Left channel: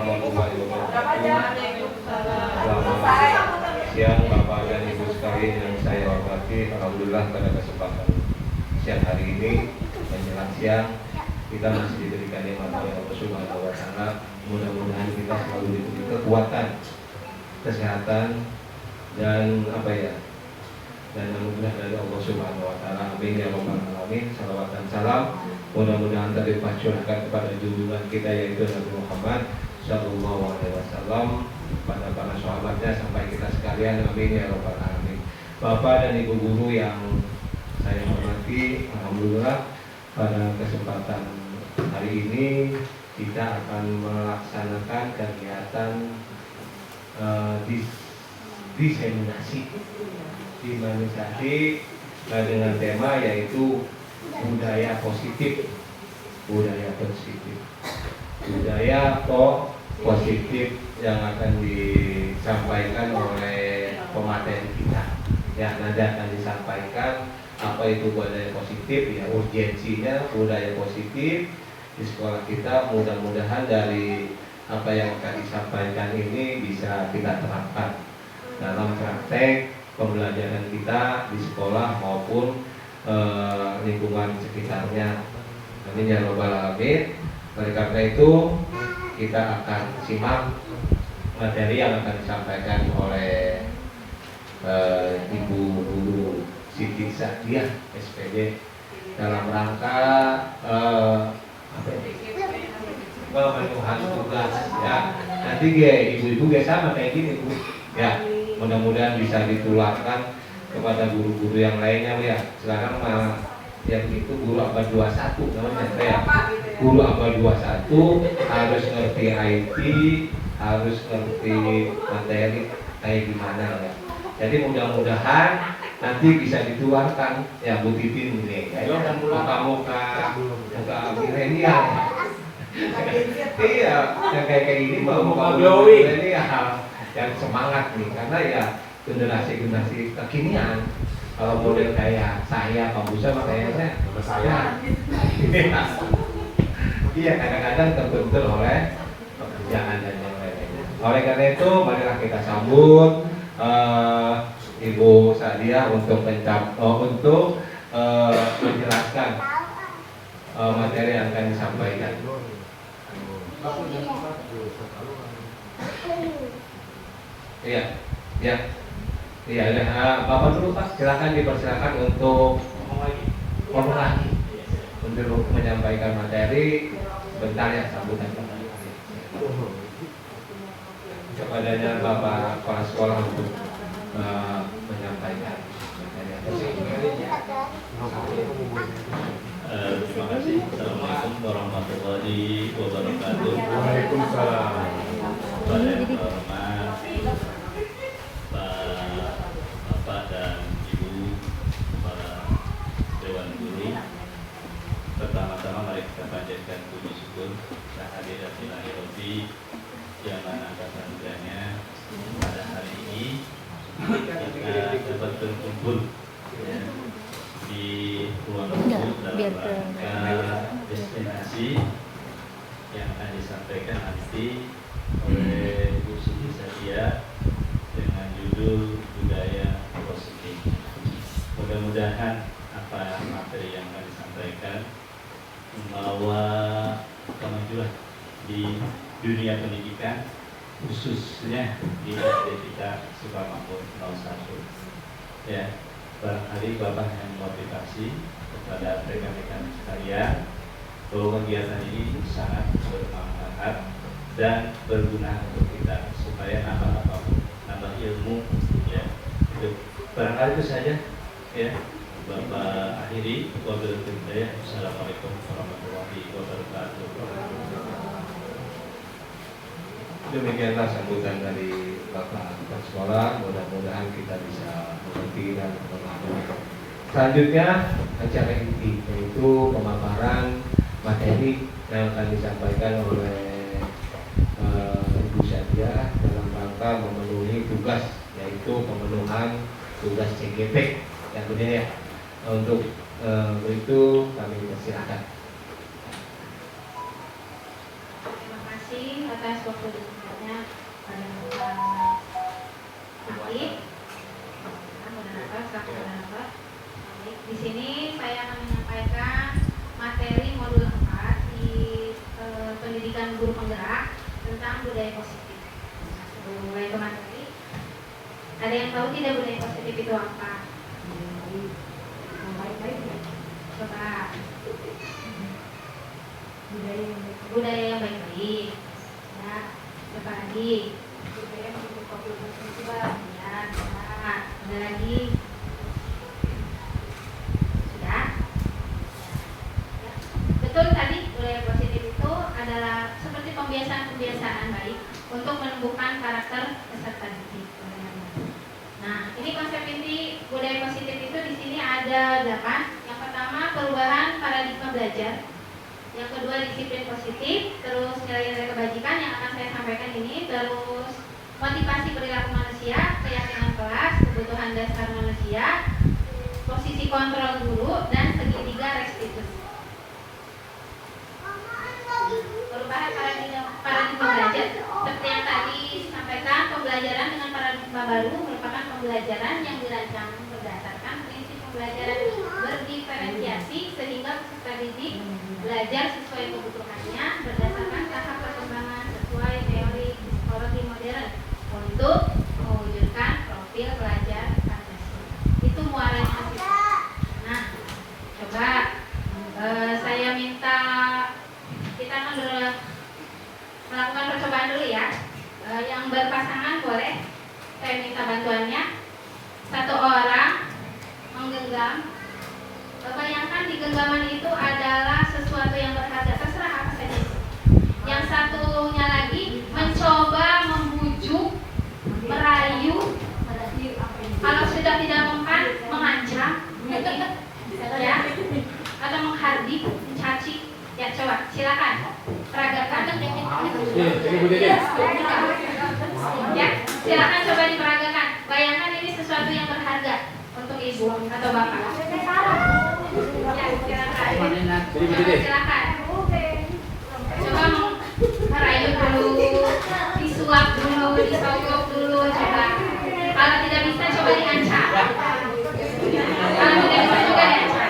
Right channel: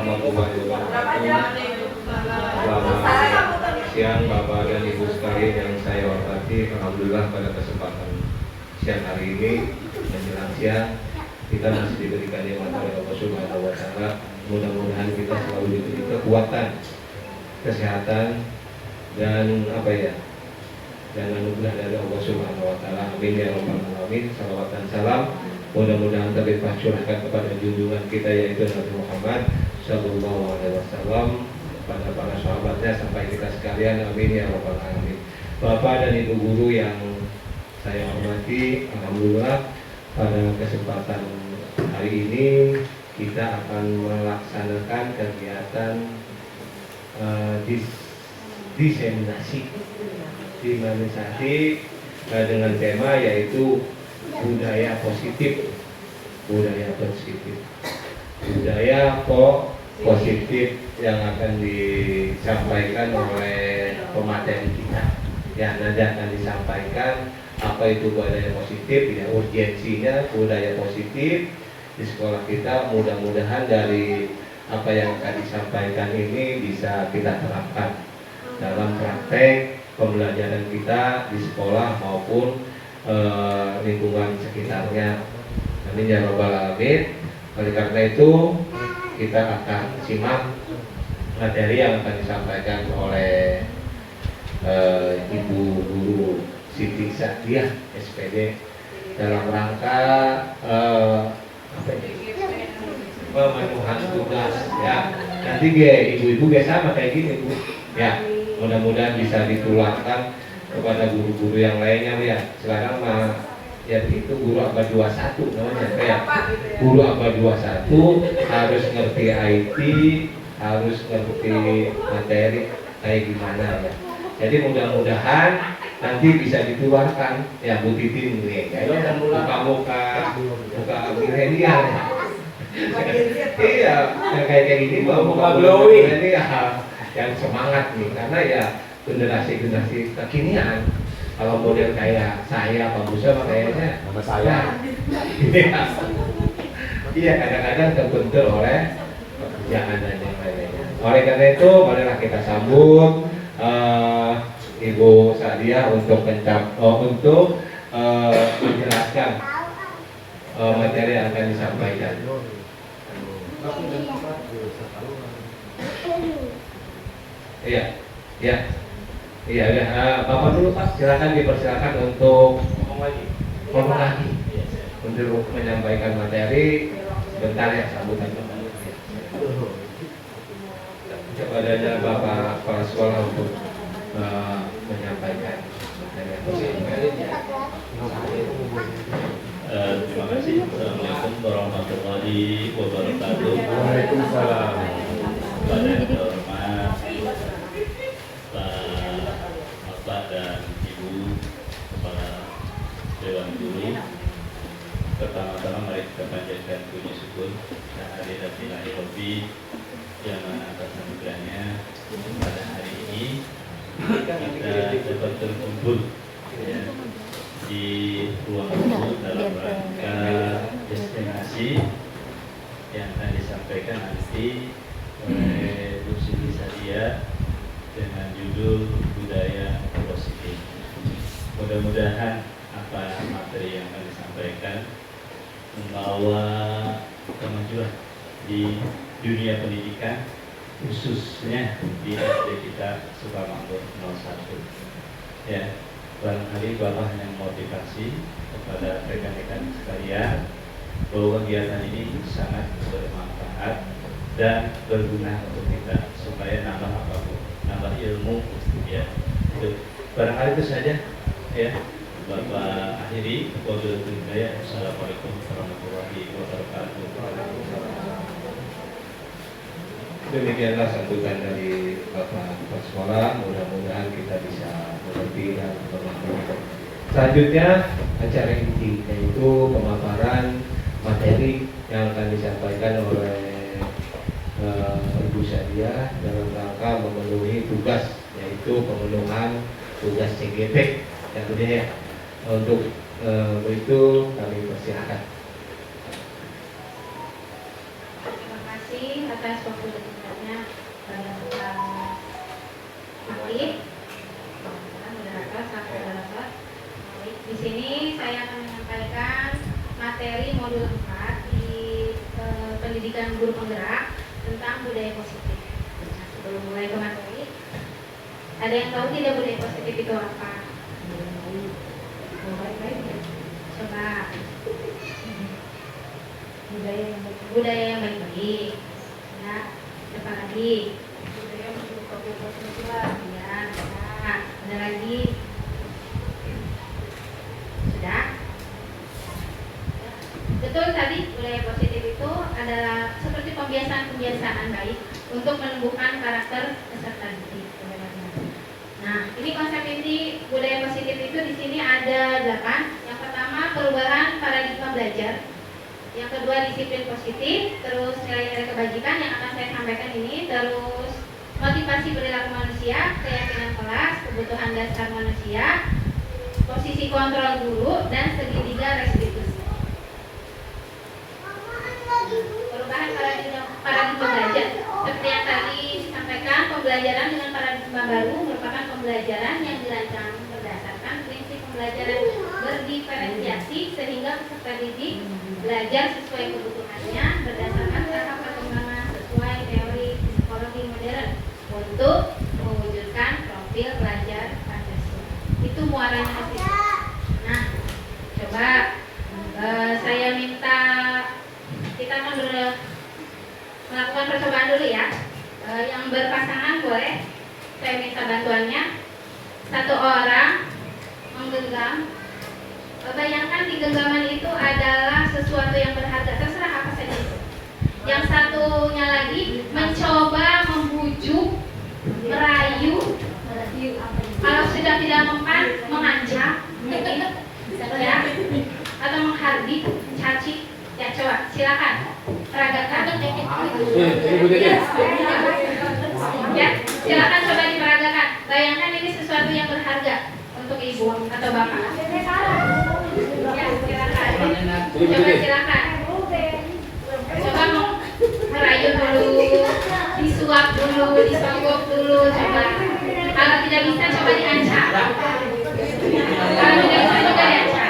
warahmatullahi wabarakatuh. Selamat siang Bapak dan Ibu sekalian yang saya hormati. Alhamdulillah pada kesempatan siang hari ini menjelang siang kita masih diberikan nikmat oleh Allah Subhanahu wa taala. Mudah-mudahan kita selalu diberi kekuatan, kesehatan dan dan anugerah dari Allah Subhanahu wa taala. Amin ya rabbal alamin. Salawat dan salam mudah-mudahan terlimpah curahkan kepada junjungan kita yaitu Nabi Muhammad sallallahu alaihi wasallam, kepada para sahabatnya sampai kita sekalian. Amin ya rabbal alamin. Bapak dan Ibu guru yang saya hormati, alhamdulillah pada kesempatan hari ini kita akan melaksanakan kegiatan diseminasi dengan tema yaitu budaya positif. Budaya positif yang akan disampaikan oleh pemateri kita. Ya, nanti akan disampaikan apa itu budaya positif, ya urgensinya budaya positif di sekolah kita. Mudah-mudahan dari apa yang akan disampaikan ini bisa kita terapkan dalam praktek pembelajaran kita di sekolah maupun lingkungan sekitarnya. Amin ya rabbal alamin. Oleh karena itu kita akan simak materi yang akan disampaikan oleh Ibu Guru Siti Sadiah SPD dalam rangka memenuhi tugas ya. Nanti ibu-ibu sama kayak gini Bu. Ya, mudah-mudahan bisa ditularkan kepada guru-guru yang lainnya ya. Sekarang ya itu guru abad 21 namanya ya. Guru abad 21 harus ngerti IT, harus ngerti materi kayak gimana ya. Jadi mudah-mudahan nanti bisa ditularkan ya Bu Titin nih. Ya, muka milenial. Iya, kayak gini muka milenial yang semangat nih, karena ya generasi kekinian. Kalau model kayak saya, Pak Busa, kayaknya sama saya. Iya, kadang-kadang terbentur oleh pekerjaan dan yang lainnya. Oleh karena itu, marilah kita sambut Ibu Sadiah untuk menjelaskan materi yang akan disampaikan. Iya, Bapak dulu Pak, silakan dipersilakan untuk ngomong lagi untuk menyampaikan materi. Sebentar ya sambutan kepada Bapak Kepala Sekolah untuk menyampaikan materi. Terima kasih. Assalamualaikum warahmatullahi wabarakatuh. Waalaikumsalam. Yang terhormat Bapak dan Ibu Kepala Dewan Guru, pertama-tama mari kita panjatkan puji syukur kehadiran Ilahi yang mana atas anugerahnya pada hari ini kita dapat berkumpul ya, di ruang guru dalam rangka destinasi yang akan disampaikan nanti oleh Bu Siti Sadiah dengan judul budaya positif. Mudah-mudahan apa materi yang akan disampaikan membawa kemajuan di dunia pendidikan, khususnya di SD kita Sukamakmur 01. Ya, barangkali Bapak hanya memotivasi kepada rekan-rekan sekalian bahwa kegiatan ini sangat bermanfaat dan berguna untuk kita supaya nambah ilmu ya. Itu barangkali itu saja ya. Bapak akhiri wabillahi taufiq. Assalamualaikum warahmatullahi wabarakatuh. Demikianlah sambutan dari Bapak Kepala Sekolah. Mudah-mudahan kita bisa mengerti dan bermanfaat. Selanjutnya acara inti yaitu pemaparan materi yang akan disampaikan oleh Ibu Sadiah dalam rangka memenuhi tugas yaitu pemenuhan tugas CGP dan budaya. Untuk itu kami persilakan. Terima kasih atas waktu dan tempatnya yang aktif. Moderator, selaku moderator. Baik, di sini saya akan menyampaikan materi modul 4 di pendidikan guru penggerak tentang budaya positif. Nah, sebelum mulai ke materi, ada yang tahu tidak budaya positif itu apa? Coba. Budaya yang baik-baik. Ya, apa lagi? Budaya membuka kehidupan. Ya, benar. Ada lagi? Sudah? Ya. Betul tadi budaya positif itu adalah seperti pembiasaan-pembiasaan baik untuk menumbuhkan karakter peserta didik. Nah, ini konsep inti budaya positif itu di sini ada 8. Yang pertama, perubahan paradigma belajar. Yang kedua, disiplin positif. Terus nilai-nilai kebajikan yang akan saya sampaikan ini. Terus motivasi perilaku manusia, keyakinan kelas, kebutuhan dasar manusia, posisi kontrol guru, dan segitiga restitusi. Perubahan paradigma belajar seperti yang tadi disampaikan, pembelajaran dengan paradigma baru merupakan pembelajaran yang dirancang berdasarkan prinsip pembelajaran berdiferensiasi sehingga peserta didik belajar sesuai kebutuhannya berdasarkan tahap perkembangan sesuai teori psikologi modern untuk mewujudkan profil pelajar Pancasila. Itu muaranya ke situ. Nah, coba saya minta kita akan melakukan percobaan dulu ya. Yang berpasangan boleh saya minta bantuannya. Satu orang menggenggam. Bayangkan di genggaman itu adalah sesuatu yang berharga, terserah apa saja itu. Yang satunya lagi mencoba membujuk, merayu, kalau sudah tidak mempan, mengancam, ya, atau menghardik, mencaci. Ya, coba silakan peragakan. Ya, silakan coba diperagakan. Bayangkan ini sesuatu yang berharga untuk ibu atau bapak. Ya, silakan. Coba silakan. Coba merayu dulu, disuap dulu, disogok dulu, coba. Kalau tidak bisa, coba diancam. Kalau tidak bisa juga diancam.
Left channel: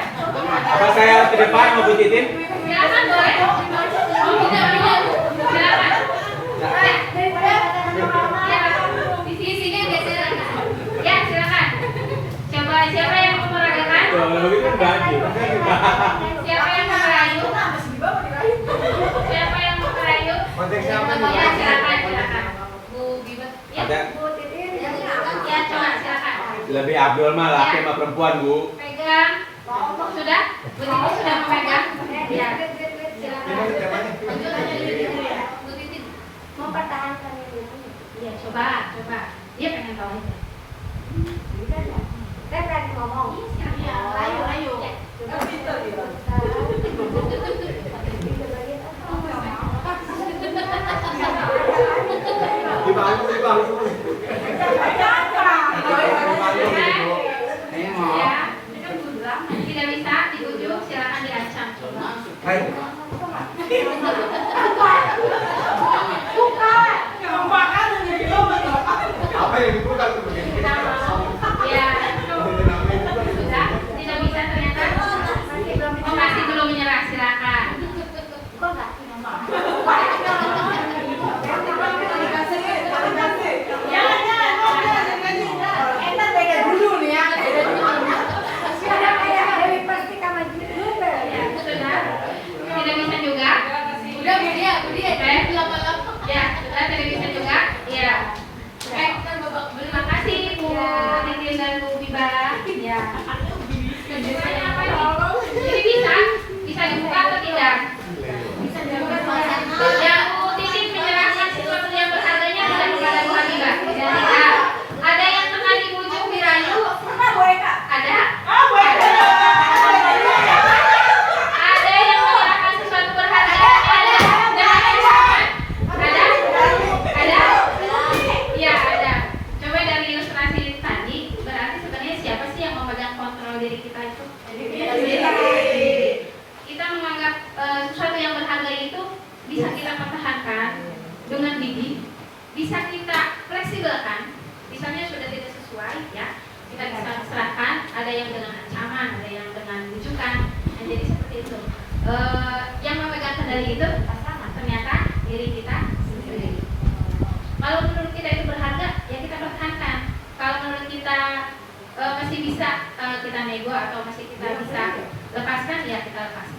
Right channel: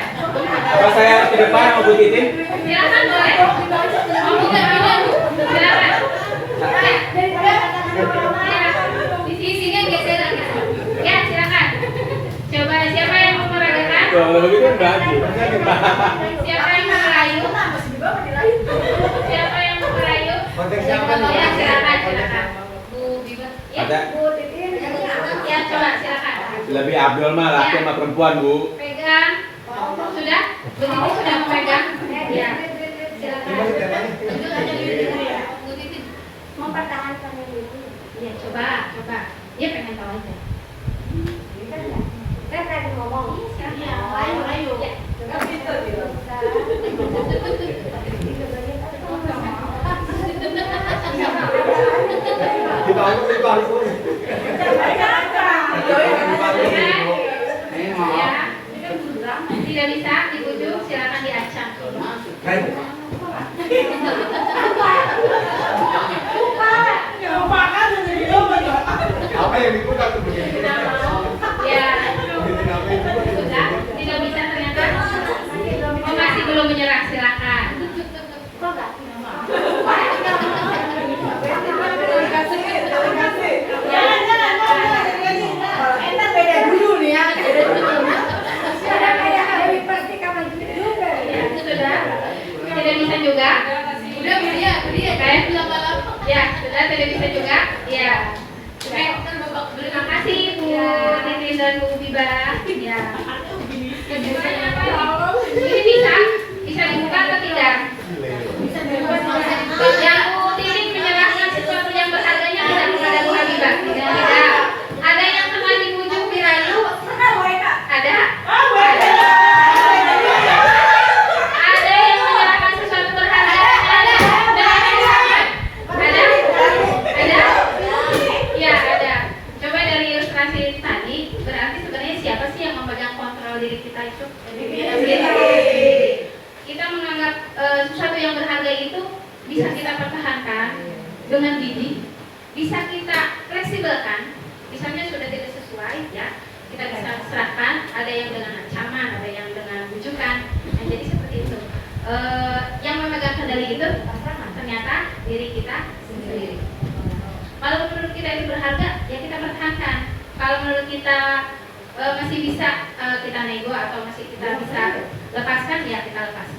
Apa saya di depan mau Bu Titin? Silakan boleh. Bukan dulu. Silakan. Ya. Di sini geser agak. Ya, silakan. Coba siapa yang mau meragakan? Kalau begitu baju. Siapa yang mau merayu? Siapa yang mau merayu? Konteks siapa nih? Ya, silakan. Bu Bibet. Ya. Ada. Ya, coba silakan. Lebih Abdul mah laki sama perempuan, Bu. Pegang. Sudah? Bu Titi sudah memegang? Ya. Silakan. Bu Titi mempertahankan ini. Iya, coba. Dia pengen tahu aja. Saya pengen ngomong. Iya, ayo. Ya. Tidak bisa dibujuk, silakan diancam. Apa yang dibuka tuh begini? Ya. Sudah? Tidak bisa ternyata. Oh, masih belum menyerah, silakan. Tidak bisa juga. Udah dia kayak ya, sudah tidak bisa juga. Ya. Terima kasih Bu Titin dan Bu Biba. Ya. Ini bisa dibuka atau tidak? Yang Bu Titin menyerahkan sesuatu yang berharganya tidak kepada Bu Habibah. Tidak. Ada yang pernah dibujuk dirayu? Ada. Ada yang menyerahkan sesuatu berharga? Ada. Ada. Iya, ada. Coba dari ilustrasi tadi, berarti sebenarnya siapa sih yang memegang kontrol diri kita itu? Kita menganggap mendidik bisa kita fleksibelkan. Misalnya sudah tidak sesuai, ya kita bisa serahkan. Ada yang dengan ancaman, ada yang dengan bujukan. Nah, jadi seperti itu. Yang memegang kendali itu ternyata diri kita sendiri. Kalau menurut kita itu berharga, ya kita pertahankan. Kalau menurut kita masih bisa kita nego atau masih kita bisa lepaskan, ya kita lepaskan.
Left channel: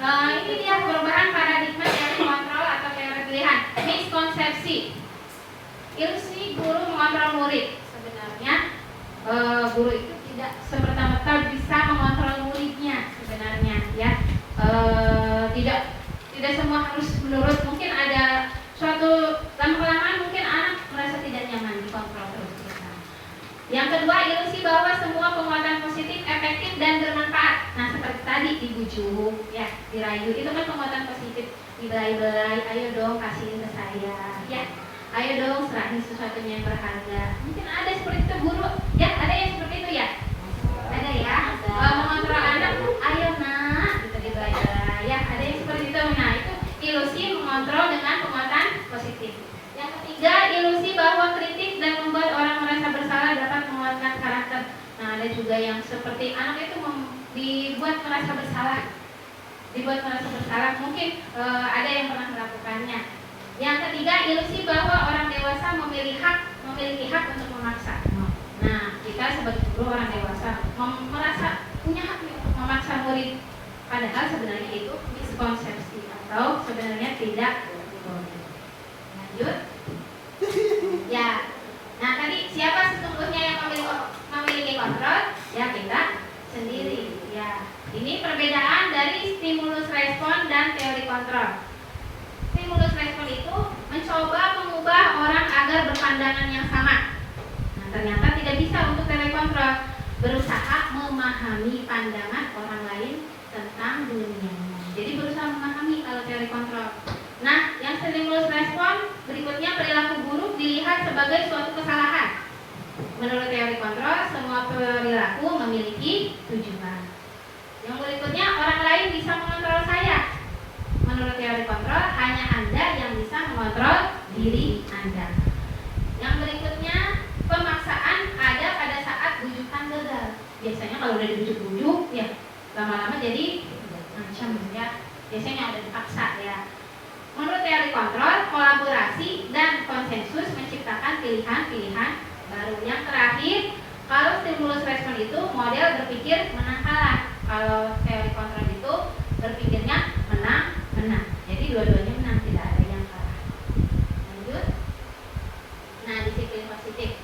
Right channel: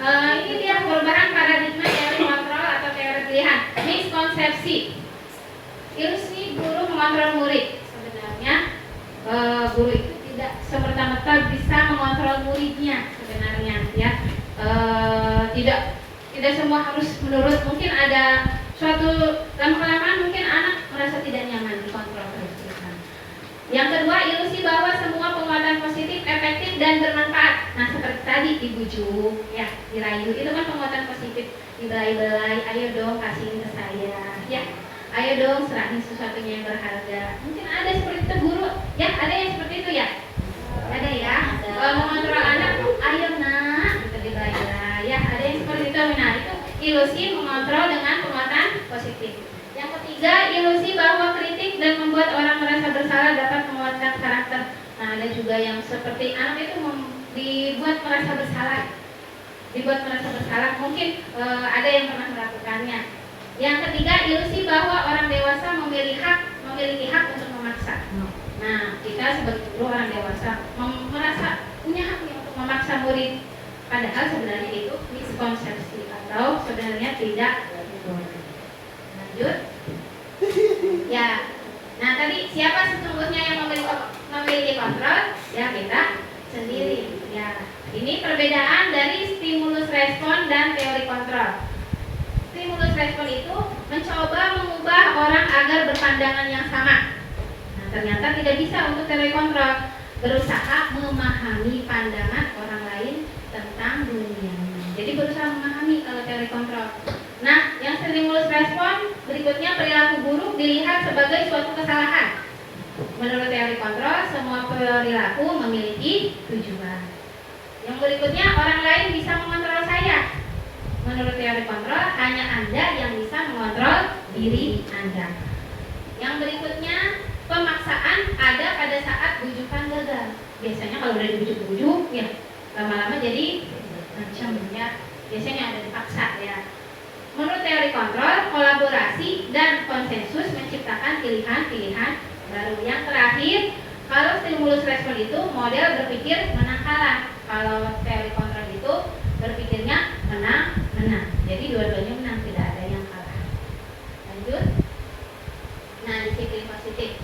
Nah, ini dia perubahan paradigma teori kontrol atau teori pilihan. Miskonsepsi. Ilusi guru mengontrol murid. Sebenarnya guru itu tidak semerta-merta bisa mengontrol muridnya sebenarnya, ya. Tidak semua harus menurut. Mungkin ada suatu lama-kelamaan mungkin anak merasa tidak nyaman dikontrol terus. Yang kedua, ilusi bahwa semua penguatan positif efektif dan bermanfaat. Nah, seperti tadi dibujuk, ya, dirayu, itu kan penguatan positif. Dibelai-belai, ayo dong kasihin ke saya, ya. Ayo dong serahin sesuatunya yang berharga. Mungkin ada seperti itu guru, ya, ada yang seperti itu, ya. Ada, ya. Mengontrol anak, ayo nak, gitu dibelai-belai, ya. Ada yang seperti itu. Nah, itu ilusi mengontrol dengan penguatan positif. Yang ketiga, ilusi bahwa kritik dan membuat orang merasa bersalah dapat menguatkan karakter. Nah, ada juga yang seperti anak itu dibuat merasa bersalah. Mungkin ada yang pernah melakukannya. Yang ketiga, ilusi bahwa orang dewasa memiliki hak untuk memaksa. Nah, kita sebagai guru orang dewasa merasa punya hak untuk memaksa murid. Padahal sebenarnya itu miskonsepsi atau sebenarnya tidak boleh. Lanjut. Ya. Nah, tadi siapa sesungguhnya yang memiliki kontrol? Ya, kita sendiri. Ya. Ini perbedaan dari stimulus respon dan teori kontrol. Stimulus respon itu mencoba mengubah orang agar berpandangan yang sama. Nah, ternyata tidak bisa untuk teori kontrol. Berusaha memahami pandangan orang lain tentang dunia. Jadi berusaha memahami kalau teori kontrol. Nah, yang stimulus respon berikutnya, perilaku buruk dilihat sebagai suatu kesalahan. Menurut teori kontrol, semua perilaku memiliki tujuan. Yang berikutnya, orang lain bisa mengontrol saya. Menurut teori kontrol, hanya Anda yang bisa mengontrol diri Anda. Yang berikutnya, pemaksaan ada pada saat bujukan gagal. Biasanya kalau udah dibujuk-bujuk, ya lama-lama jadi macam, ya. Biasanya ada dipaksa, ya. Menurut teori kontrol, kolaborasi dan konsensus menciptakan pilihan-pilihan baru. Yang terakhir, kalau stimulus respon itu model berpikir menang kalah. Kalau teori kontrol itu berpikirnya menang-menang. Jadi dua-duanya menang, tidak ada yang kalah. Lanjut. Nah, disiplin positif.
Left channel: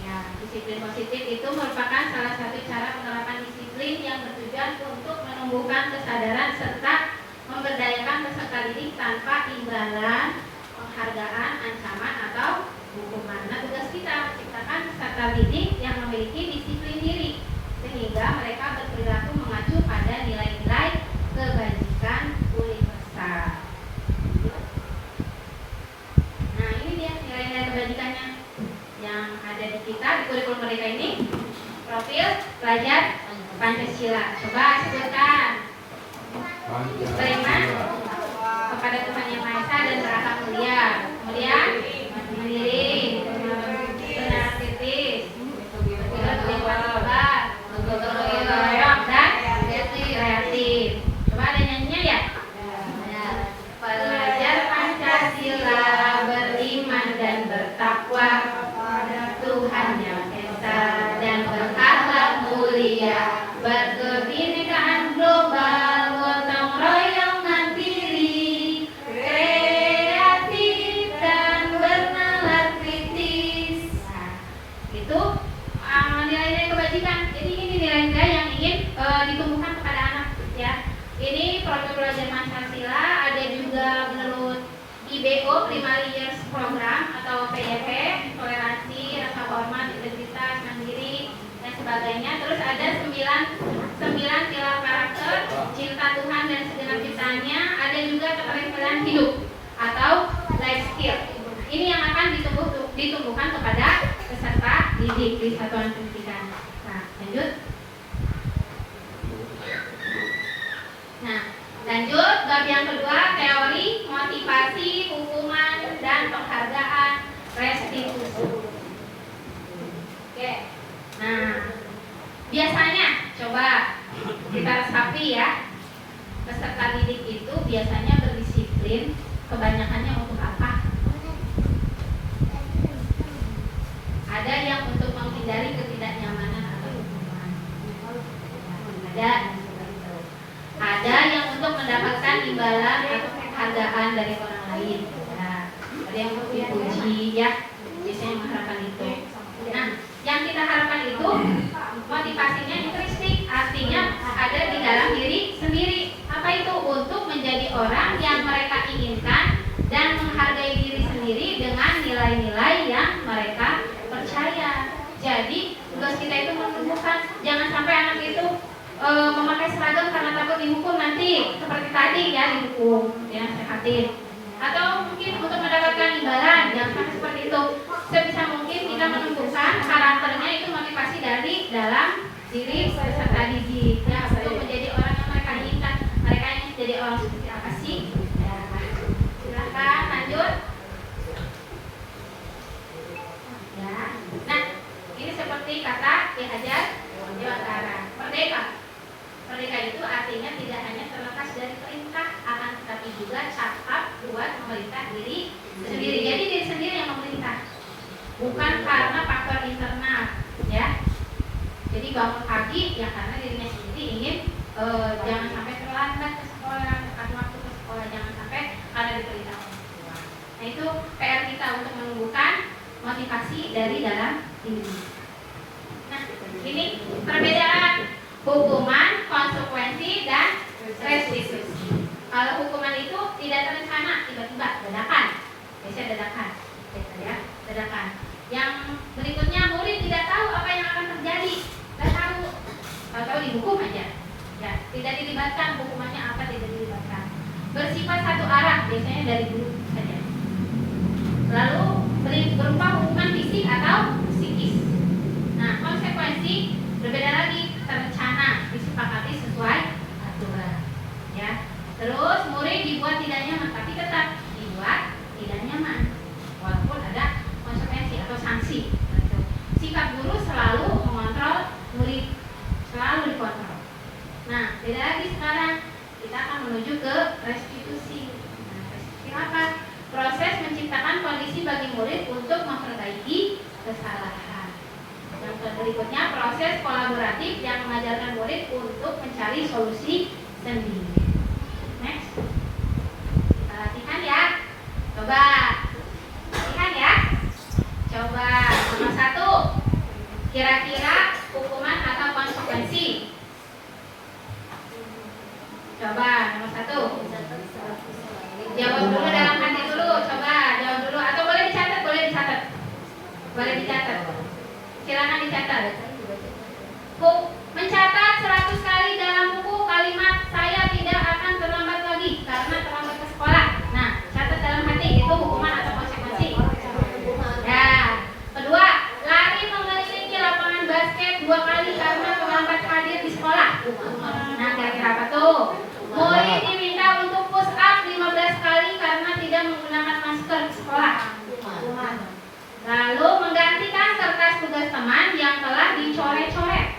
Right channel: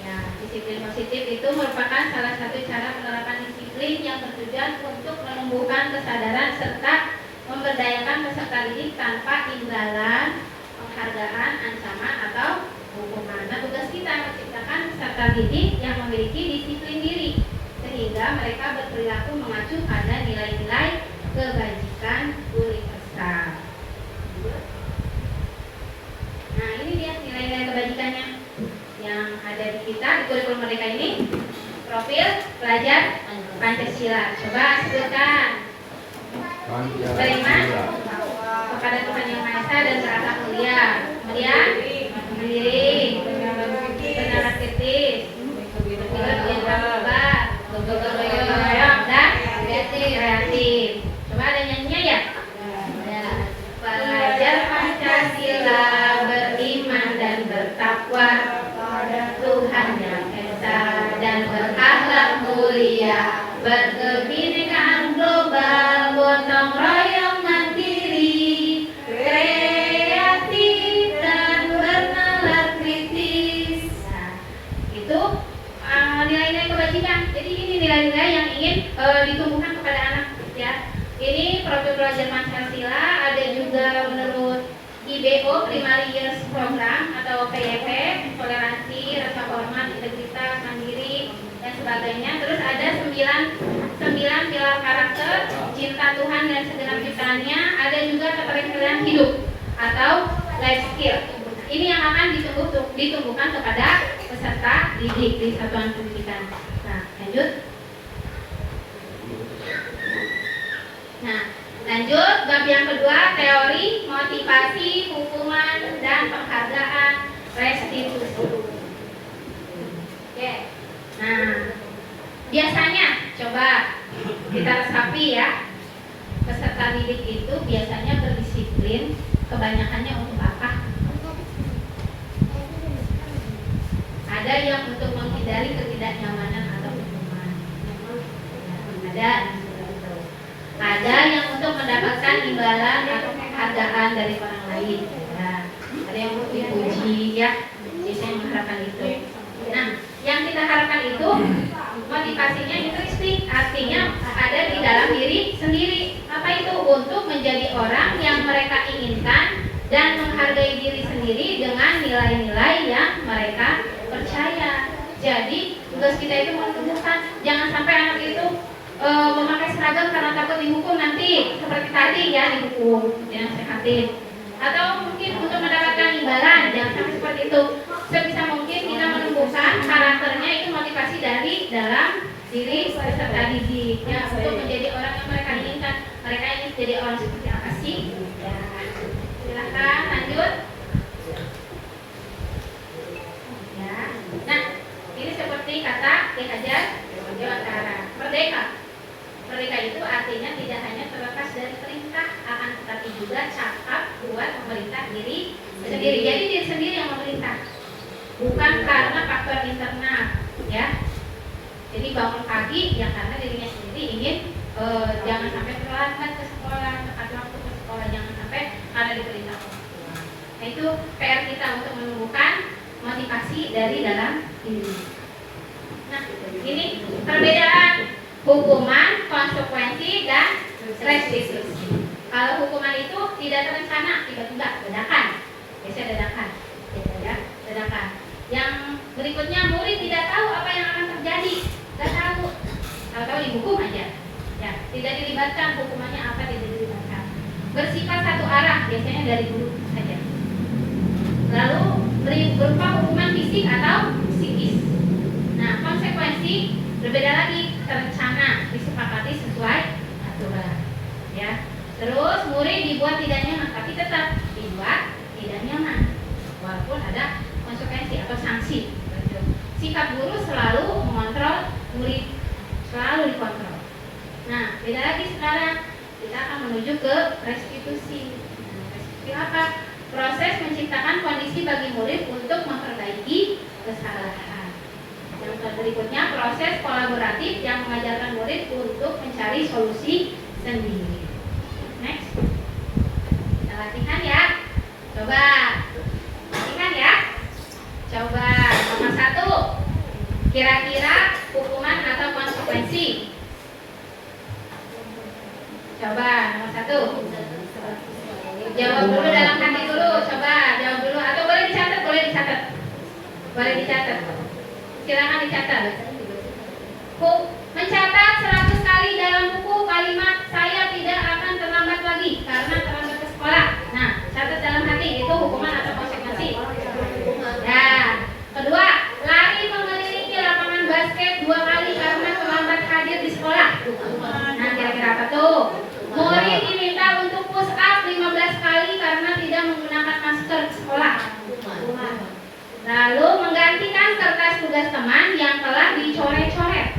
Ya, disiplin positif itu merupakan salah satu cara penerapan disiplin yang bertujuan untuk menumbuhkan kesadaran serta memberdayakan peserta didik tanpa imbalan, penghargaan, ancaman, atau hukuman. Nah, tugas kita menciptakan peserta didik yang memiliki disiplin diri sehingga mereka berperilaku mengacu pada nilai-nilai kebajikan universal. Nah, ini dia nilai-nilai kebajikannya yang ada di kita di kurikulum mereka ini. Profil pelajar Pancasila. Coba sebutkan. Beriman kepada Tuhan Yang Maha Esa dan berakhlak mulia. Kemudian mandiri, beraktivis, dan kreatif. Coba ada nyanyinya, ya? Pelajar Pancasila beriman dan bertakwa pada Tuhan Yang Esa dan berakhlak mulia, berkebinekaan global, gotong royong mandiri, kreatif dan bernalar kritis. Nah, itu nilai-nilai kebajikan. Jadi ini nilai-nilai yang ingin ditumbuhkan kepada anak, ya. Ini profil pelajar Pancasila. Ada juga menurut IBO, Primary Years Program atau PYP, toleransi, rasa hormat, integritas, mandiri, dan sebagainya. Terus ada 9 pilar karakter, cinta Tuhan dan segenap ciptaannya. Ada juga keterampilan hidup atau life skill. Ini yang akan ditumbuhkan kepada peserta didik di satuan pendidikan. Nah, lanjut. Nah, lanjut bab yang kedua, teori motivasi hukuman dan penghargaan restitusi. Oke. Nah, biasanya coba kita resapi ya. Peserta didik itu biasanya berdisiplin, kebanyakannya untuk apa? Ada yang untuk menghindari ketidaknyamanan atau hukuman. Ada yang untuk mendapatkan imbalan atau penghargaan dari orang lain. Ada yang untuk dipuji ya, biasanya mengharapkan itu. Nah, yang kita harapkan itu motivasinya intrinsik, artinya ada di dalam diri sendiri. Apa itu? Untuk menjadi orang yang mereka inginkan dan menghargai diri sendiri dengan nilai-nilai yang mereka percaya. Jadi tugas kita itu menunjukkan, jangan sampai anak itu memakai seragam karena takut dihukum nanti seperti tadi ya, dihukum, dinasehatin. Atau mungkin untuk mendapatkan imbalan, jangan sampai seperti itu. Sebisa mungkin kita menumbuhkan karakternya itu motivasi dari dalam diri peserta didik ya, untuk menjadi orang yang mereka inginkan. Mereka ingin jadi orang seperti apa sih? Ya. Silakan lanjut. Ya. Nah, ini seperti kata Ki Hajar Dewantara, merdeka. Merdeka itu artinya tidak hanya terlepas dari perintah, akan tetapi juga cakap buat memerintah diri sendiri. Jadi diri sendiri yang memerintah, bukan karena faktor internal, ya. Jadi bangun pagi ya karena dirinya sendiri ingin jangan sampai terlambat ke sekolah, tepat waktu ke sekolah, jangan sampai karena diperintah orang tua. Nah itu PR kita untuk menumbuhkan motivasi dari dalam diri. Nah ini perbedaan hukuman, konsekuensi, dan restitusi. Kalau hukuman itu tidak terencana, tiba-tiba dadakan, biasanya dadakan, gitu ya, dadakan. Yang berikutnya murid tidak tahu apa yang akan terjadi, tidak tahu, tahu dihukum aja, ya, tidak dilibatkan hukumannya apa, tidak dilibatkan. Bersifat satu arah, biasanya dari guru saja. Lalu berupa hukuman fisik atau psikis. Nah konsekuensi berbeda lagi, terencana, disepakati sesuai aturan, ya. Terus murid dibuat tidak nyaman, tapi tetap dibuat tidak nyaman, walaupun ada konsekuensi atau sanksi. Sikap guru selalu mengontrol murid, selalu dikontrol. Nah, beda lagi sekarang, kita akan menuju ke restitusi. Nah, restitusi apa? Proses menciptakan kondisi bagi murid untuk memperbaiki kesalahan. Yang berikutnya proses kolaboratif yang mengajarkan murid untuk mencari solusi sendiri. Next, kita latihan ya. Coba latihan ya. Coba nomor 1, kira-kira hukuman atau konsekuensi. Coba nomor 1, jawab dulu dalam hati dulu. Coba jawab dulu, atau boleh dicatat, boleh dicatat. Silakan dicatat. Mencatat 100 kali dalam buku kalimat saya tidak akan terlambat lagi karena terlambat ke sekolah. Nah, catat dalam hati, itu hukuman atau konsekuensi. Ya. Kedua, lari mengelilingi lapangan basket 2 kali karena terlambat hadir di sekolah. Nah, kira-kira apa tuh? Murid diminta untuk push up 15 kali karena tidak menggunakan masker di sekolah. Lalu menggantikan kertas tugas teman yang telah dicoret-coret.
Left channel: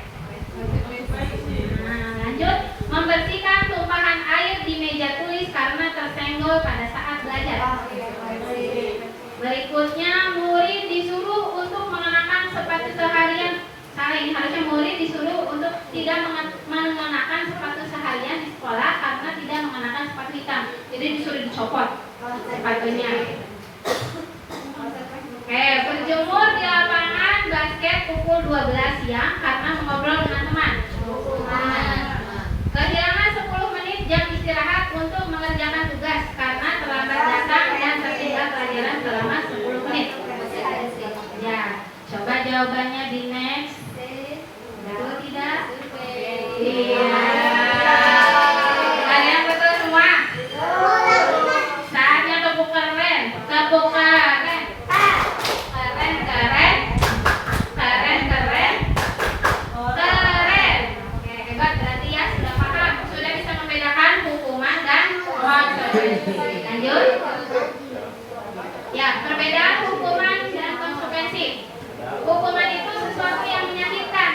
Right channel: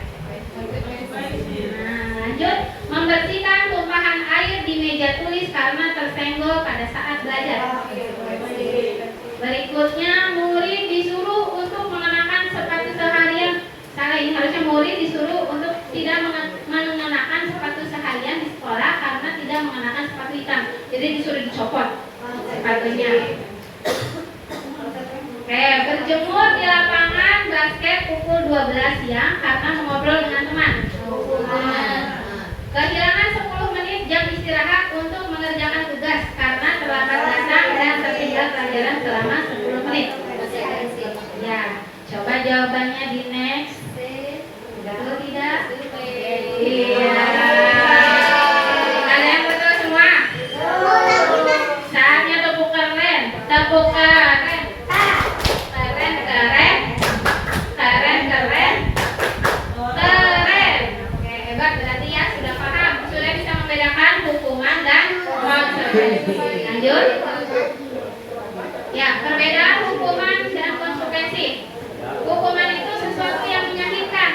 Nah, lanjut, membersihkan tumpahan air di meja tulis karena tersenggol pada saat belajar. Berikutnya, murid disuruh untuk mengenakan sepatu seharian. Salah, ini harusnya murid disuruh untuk tidak mengenakan sepatu seharian di sekolah karena tidak mengenakan sepatu hitam. Jadi disuruh dicopot sepatunya. Oke, berjemur di lapangan basket pukul 12 siang karena mengobrol dengan teman. Kehilangan 10 menit jam istirahat untuk mengerjakan tugas karena terlambat datang dan tertinggal pelajaran selama 10 menit. Ya, coba jawabannya di next. Betul tidak? Iya. Ada yang betul semua? Saatnya tepuk keren. Tepuk keren. Keren. Oke, hebat, berarti ya sudah paham, sudah bisa membedakan hukuman dan konsekuensi. Lanjut. Ya, perbedaan hukuman dan konsekuensi. Hukuman itu sesuatu yang menyakitkan,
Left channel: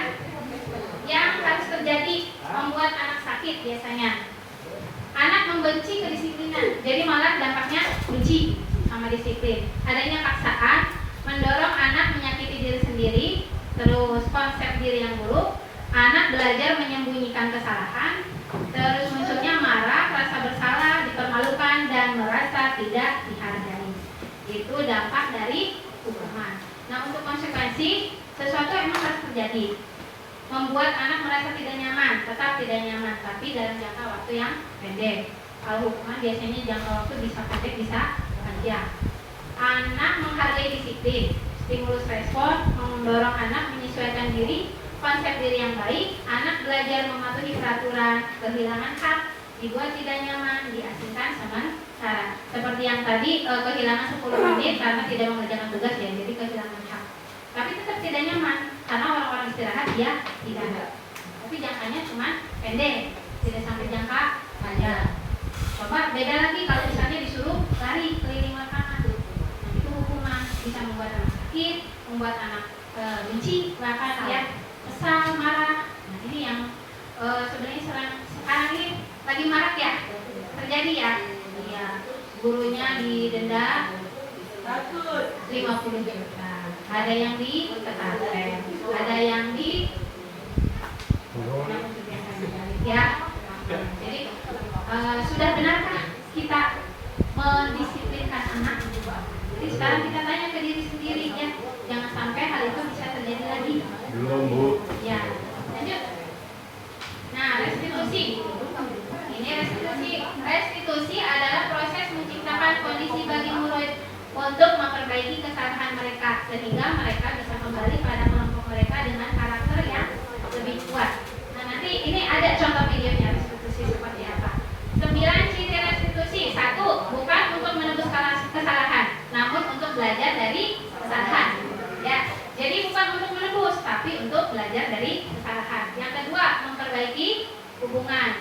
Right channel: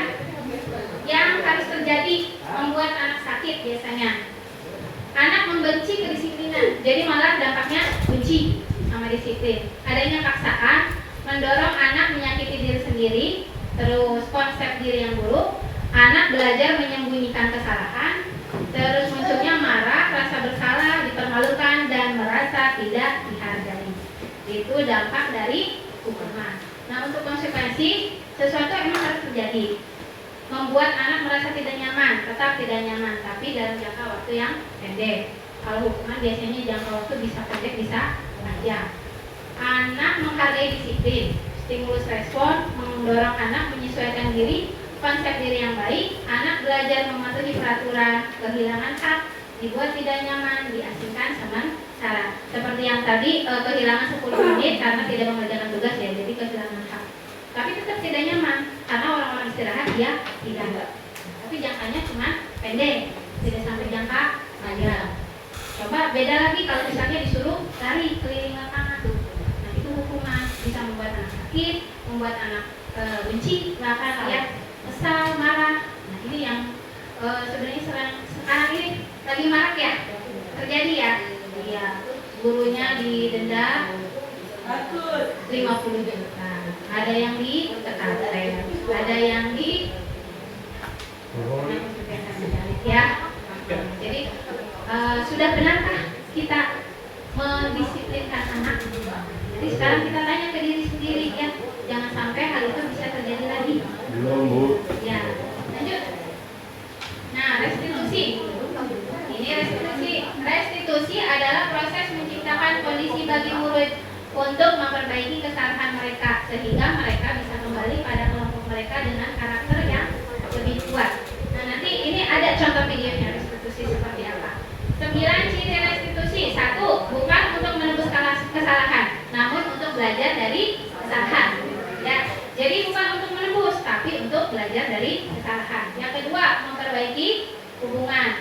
yang harus terjadi, membuat anak sakit biasanya. Anak membenci kedisiplinan, jadi malah dampaknya benci sama disiplin. Adanya paksaan mendorong anak menyakiti diri sendiri, terus konsep diri yang buruk, anak belajar menyembunyikan kesalahan, terus munculnya marah, rasa bersalah, dipermalukan, dan merasa tidak dihargai. Itu dampak dari hukuman. Nah, untuk konsekuensi, sesuatu emang harus terjadi, membuat anak merasa tidak nyaman, tetap tidak nyaman, tapi dalam jangka waktu yang pendek. Kalau hukuman biasanya jangka waktu bisa pendek, bisa panjang. Anak menghargai disiplin, stimulus respon, mendorong anak menyesuaikan diri, konsep diri yang baik, anak belajar mematuhi peraturan, kehilangan hak, dibuat tidak nyaman, diasingkan sementara. Seperti yang tadi, kehilangan 10 menit karena tidak mengerjakan tugas ya, jadi kehilangan hak. Tapi tetap tidak nyaman, karena orang-orang istirahat dia tidak. Tapi jangkanya cuma pendek, tidak sampai jangka panjang. Coba beda lagi kalau misalnya disuruh lari keliling lapangan, nah itu hukuman, bisa membuat anak sakit, membuat anak benci, bahkan ya kesal, marah. Nah ini yang sebenarnya sekarang ini lagi marak ya, terjadi ya. Iya, gurunya didenda 50 juta. Ada yang di pesantren, ada yang di ya. Jadi sudah benarkah kita mendisiplinkan anak? Jadi sekarang kita tanya ke diri sendiri ya, jangan sampai hal itu bisa terjadi lagi. Belum, Bu. Ya, lanjut. Nah, restitusi. Ini restitusi. Restitusi adalah proses menciptakan kondisi bagi murid untuk memperbaiki kesalahan mereka sehingga mereka bisa kembali pada kelompok mereka dengan karakter yang lebih kuat. Nah, nanti ini ada contoh videonya restitusi seperti apa. 9 ciri restitusi. 1. Bukan untuk menebus kesalahan, namun untuk belajar dari kesalahan. Ya, jadi bukan untuk menebus, tapi untuk belajar dari kesalahan. Yang kedua, memperbaiki hubungan.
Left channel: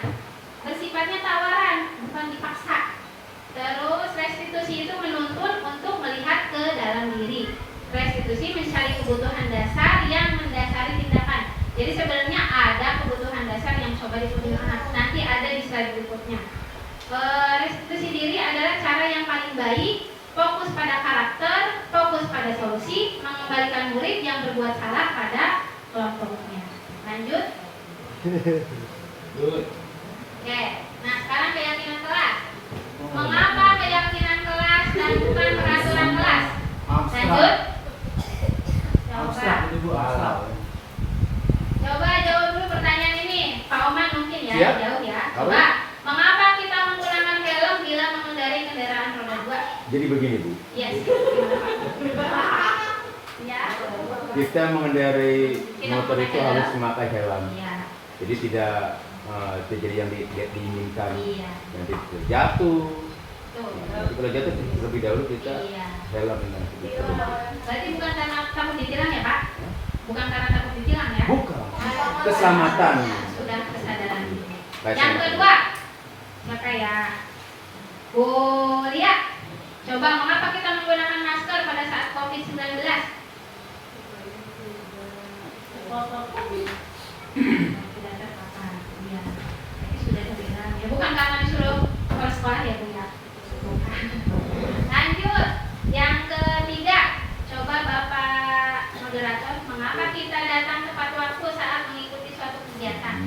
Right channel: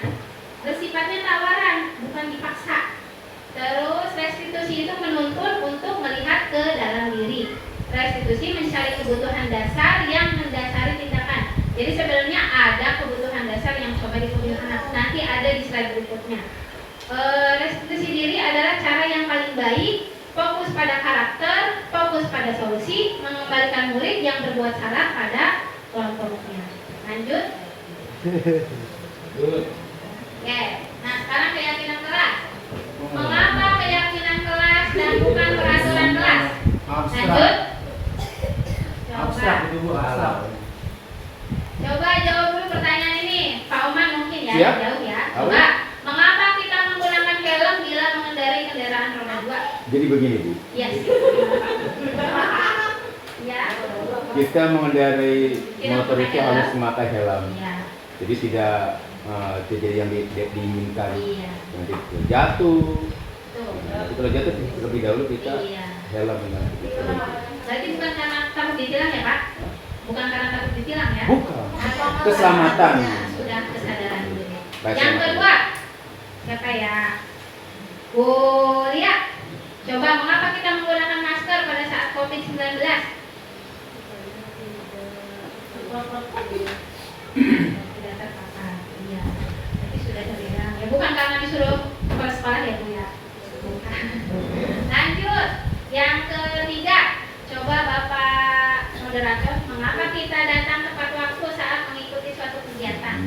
Bersifatnya tawaran, bukan dipaksa. Terus restitusi itu menuntun untuk melihat ke dalam diri. Restitusi mencari kebutuhan dasar yang mendasari tindakan. Jadi sebenarnya ada kebutuhan dasar yang coba dipenuhi anak. Nanti ada di slide berikutnya. Restitusi diri adalah cara yang paling baik, fokus pada karakter, fokus pada solusi, mengembalikan murid yang berbuat salah pada kelompoknya. Lanjut. Oke. Nah sekarang keyakinan kelas. Mengapa keyakinan kelas dan bukan peraturan kelas? Lanjut. Abstrak itu, Bu, abstrak. Coba jawab dulu pertanyaan ini, Pak Oman mungkin ya, Siap. jauh ya. Apa? Coba, mengapa kita menggunakan helm bila mengendarai kendaraan roda 2? Jadi begini, Bu. Yes. Ya. Kita mengendarai Kita motor itu memakai harus helm. memakai helm. Iya. Jadi tidak terjadi yang diinginkan. Iya. Nanti jatuh. Tuh. Nanti kalau jatuh lebih dahulu kita Iya. helm dengan begitu. Berarti bukan karena takut ditilang ya, Pak? Bukan karena takut ditilang ya? Bukan. Keselamatan. Ya, sudah kesadaran diri. Baik, Yang sama-sama. kedua, siapa ya? Bu Lia, coba mengapa kita menggunakan masker pada saat COVID-19? Tidak terpapar. Iya. Tapi sudah terbilang. Ya bukan karena disuruh sekolah ya, Bu ya. Bukan. Lanjut. Yang ketiga, coba Bapak moderator, mengapa kita datang tepat waktu saat mengikuti suatu kegiatan?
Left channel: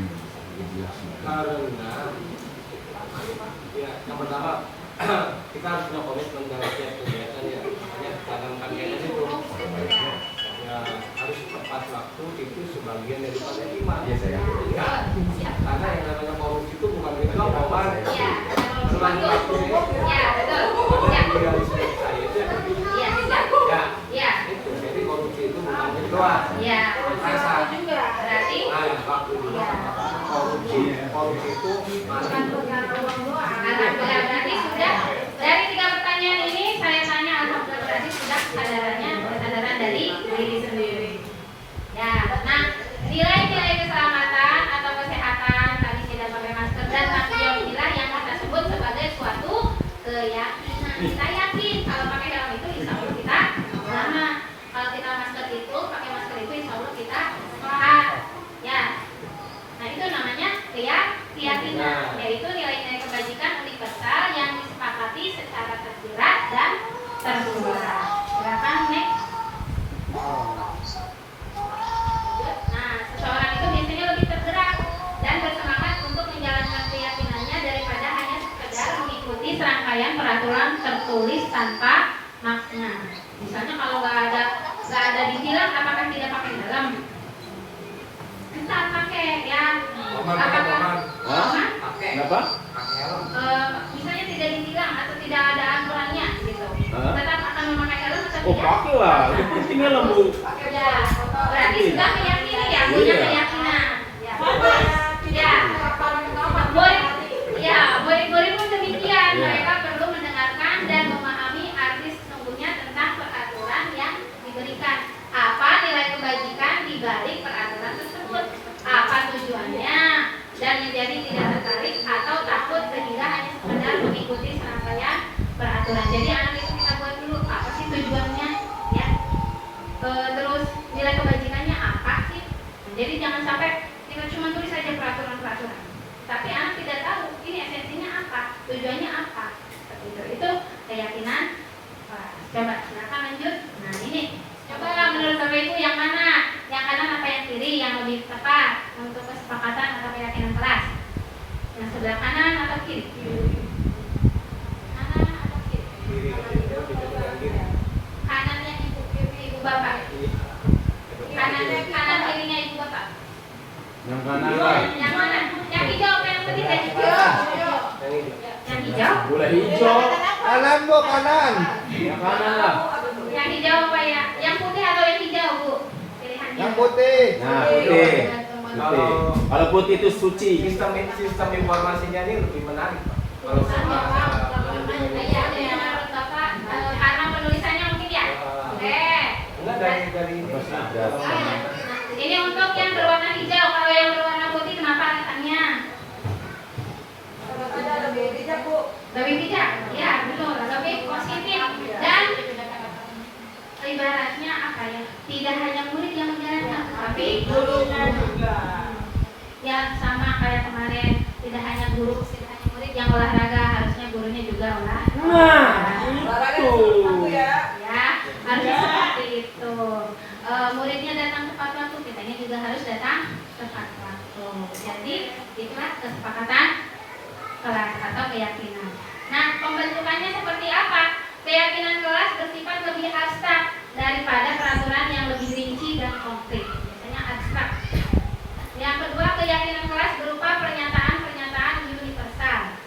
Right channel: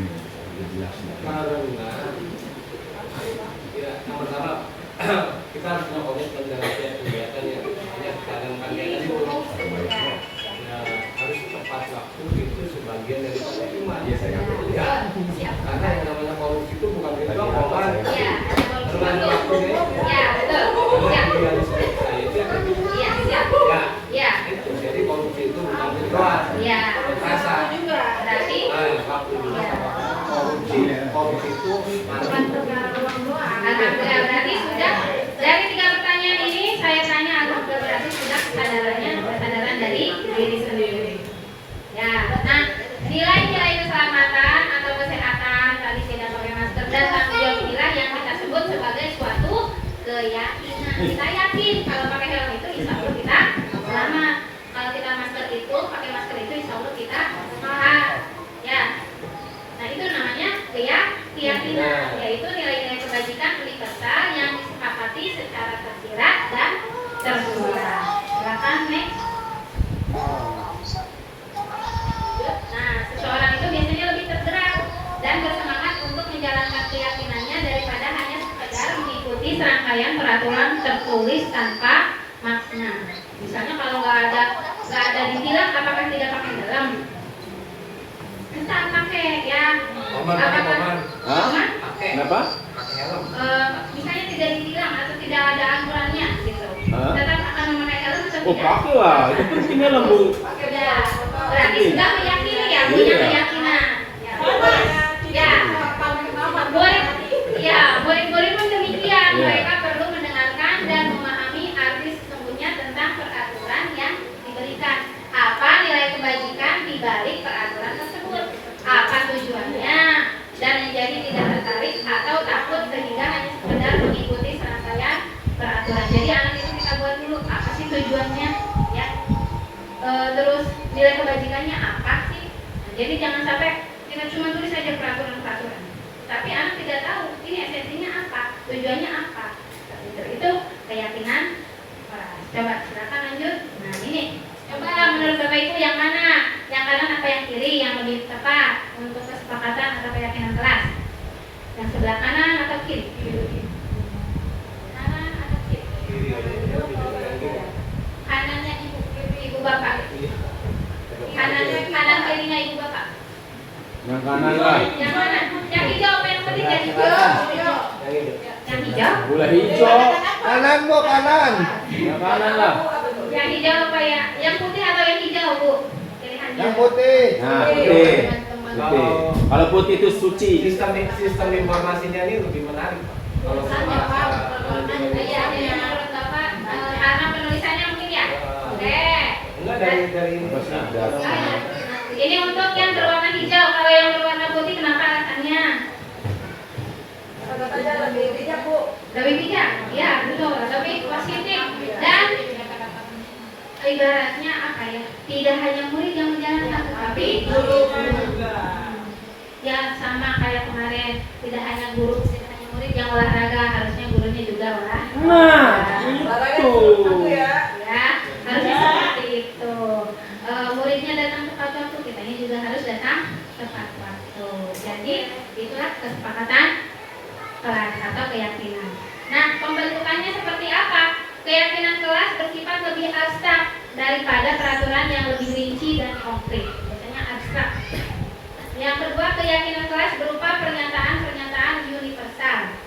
Karena ya, yang pertama kita harus punya komitmen dengan setiap kegiatan ya. Hanya dalam kegiatan itu ya, harus tepat waktu itu sebagian daripada iman. Iya, saya. Ya, karena yang namanya korupsi itu bukan kita ngomong. Iya, Teman waktu ya, betul. karena Ya, idealisme saya itu iya, siap. ya Ya, itu. Jadi korupsi itu bukan itu doang. ya. Rasa. Berarti Waktu itu korupsi itu Alhamdulillah, berarti sudah dari 3 pertanyaan ini saya tanya bersuara. Silakan next. Nah, seseorang itu biasanya lebih tergerak dan bersemangat untuk menjalankan keyakinannya daripada hanya sekedar mengikuti serangkaian peraturan tertulis tanpa makna. Misalnya kalau nggak ada ditilang, apakah tidak pakai helm? Kita pakai ya. Apakah? Hah? Kenapa? Misalnya tidak ditilang atau tidak ada aturannya gitu. Hah? Tetap akan memakai helm atau Oh tidak? pakai lah, itu penting helm bu. Ya, berarti sudah meyakini ya, punya Iya. keyakinan. Ya, murid-murid pun demikian. Iya. Mereka perlu mendengarkan dan memahami arti sesungguhnya tentang peraturan yang diberikan. Apa nilai kebajikan di balik peraturan tersebut? Apa tujuannya? Dan menjadi tidak tertarik atau takut sehingga hanya sekedar mengikuti serangkaian peraturan. Jadi anak itu kita buat dulu apa sih tujuannya, ya. Terus nilai kebajikannya apa sih? Nah, jadi jangan sampai kita cuma tulis saja peraturan-peraturan, tapi anak tidak tahu ini esensinya apa, tujuannya apa. Itu keyakinan. Wah, coba silakan lanjut. Nah ini, coba menurut Bapak Ibu yang mana? Yang kanan apa yang kiri yang lebih tepat untuk kesepakatan atau keyakinan kelas? Yang sebelah kanan atau kiri? Kanan atau kiri? Kanannya ibu bapak. Kanan kirinya ibu bapak. Yang kanan lah. Yang mana? Yang hijau apa yang putih? Yang hijau. Yang hijau. Bola hijau. Kanan bu, kanan. Yang kanan lah. Yang hijau apa ya? Yang putih atau yang hijau, Bu? Pilihannya. Yang putih. Nah putih. Putih. Kalau putih itu suci. Sistem informasinya ini lebih menarik Pak. Kalau sama Iya, menurut Bapak, karena penulisannya mungkin ya? Boleh. enggak dari ini. Apa sih? Ini untuk yang berwarna hijau. Kalau yang berwarna putih, kenapa alasannya? Lebih bijak, ya betul, lebih positif dan ibaratnya apa ya? Tidak hanya murid yang menjalankan, tapi guru. Ya sama kayak kemarin, tidak hanya guru, tidak hanya murid yang olahraga, harusnya gurunya juga olahraga. Nah itu. Ya, harusnya seperti itu. Muridnya datang tepat waktu, kitanya juga harus datang tepat waktu. Jadi itulah kesepakatan kelas atau keyakinan. Nah, pembentukannya seperti apa? Keyakinan kelas bersifat lebih abstrak daripada peraturan yang lebih rinci dan konkret. Biasanya abstrak. Yang kedua, keyakinan kelas berupa pernyataan-pernyataan universal.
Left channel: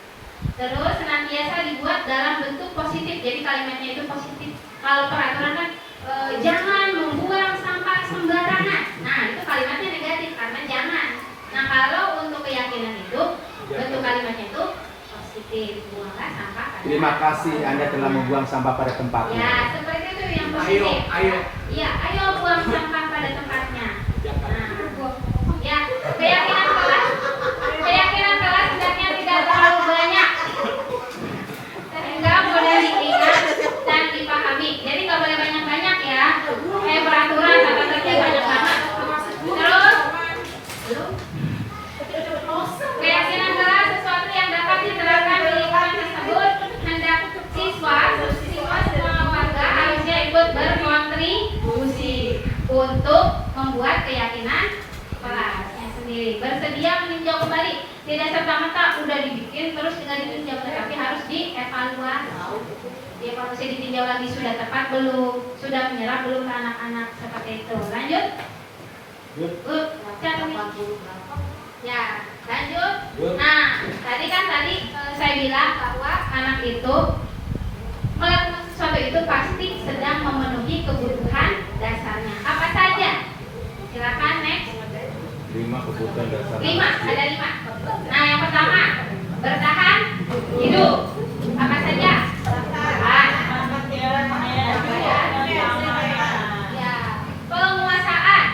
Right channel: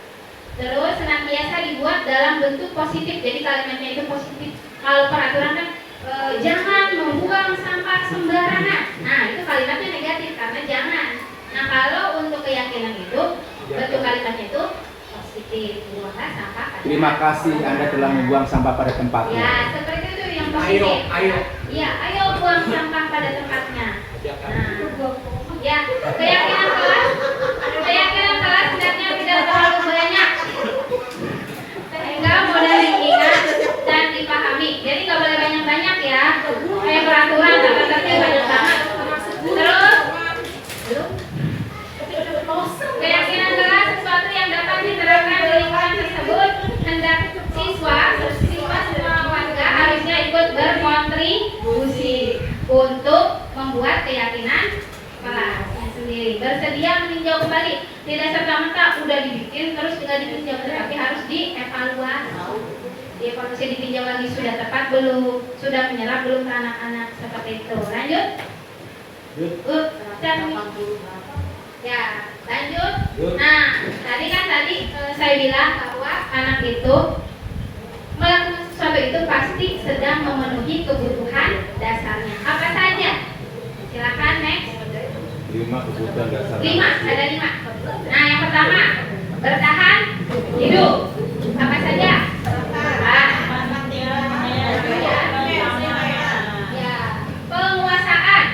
Terus senantiasa dibuat dalam bentuk positif. Jadi kalimatnya itu positif. Kalau peraturan kan jangan membuang sampah sembarangan. Nah, itu kalimatnya negatif karena jangan. Nah, kalau untuk keyakinan itu bentuk kalimatnya itu positif. Buanglah sampah pada Terima kasih Anda telah membuang sampah pada tempatnya. Ya, seperti itu yang positif. Ayo. Iya, ayo buang sampah pada tempatnya. Nah, ya, keyakinan kelas hendaknya tidak terlalu banyak sehingga mudah diingat dan dipahami. Jadi nggak boleh banyak-banyak ya, kayak peraturan tata tertib banyak banget. Terus, keyakinan kelas sesuatu yang dapat diterapkan di lingkungan tersebut. Hendak siswa semua warga harusnya ikut berkontribusi untuk membuat keyakinan kelasnya sendiri. Bersedia meninjau kembali, tidak serta-merta udah dibikin terus tinggal ditinjau, tetapi harus dievaluasi. Dievaluasi, ditinjau lagi sudah tepat belum, sudah menyerap belum ke anak-anak, seperti itu. Lanjut. Ya, lanjut. Nah, tadi saya bilang bahwa anak itu melakukan sesuatu itu pasti sedang memenuhi kebutuhan dasarnya. Apa saja? Silakan next. 5 kebutuhan dasar. 5, ada 5. Nah, yang pertama, bertahan hidup. Apa saja? Ya, penguasaan,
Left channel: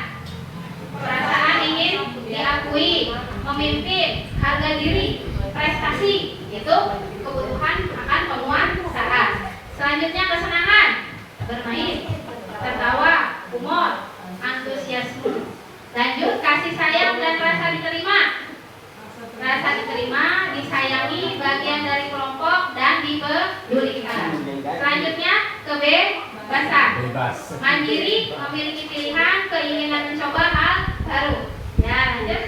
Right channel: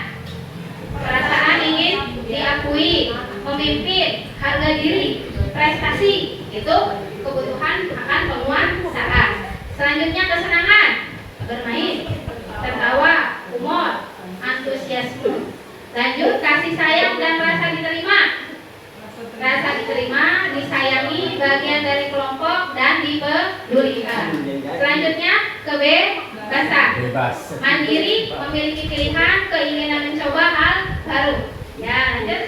perasaan ingin diakui, memimpin, harga diri, prestasi, itu kebutuhan akan penguasaan. Selanjutnya kesenangan, bermain, tertawa, humor, antusiasme. Lanjut kasih sayang dan rasa diterima. Rasa diterima, disayangi, bagian dari kelompok dan dipedulikan. Selanjutnya kebebasan. Bebas. Mandiri, memiliki pilihan, keinginan mencoba hal baru. Ya, lanjut.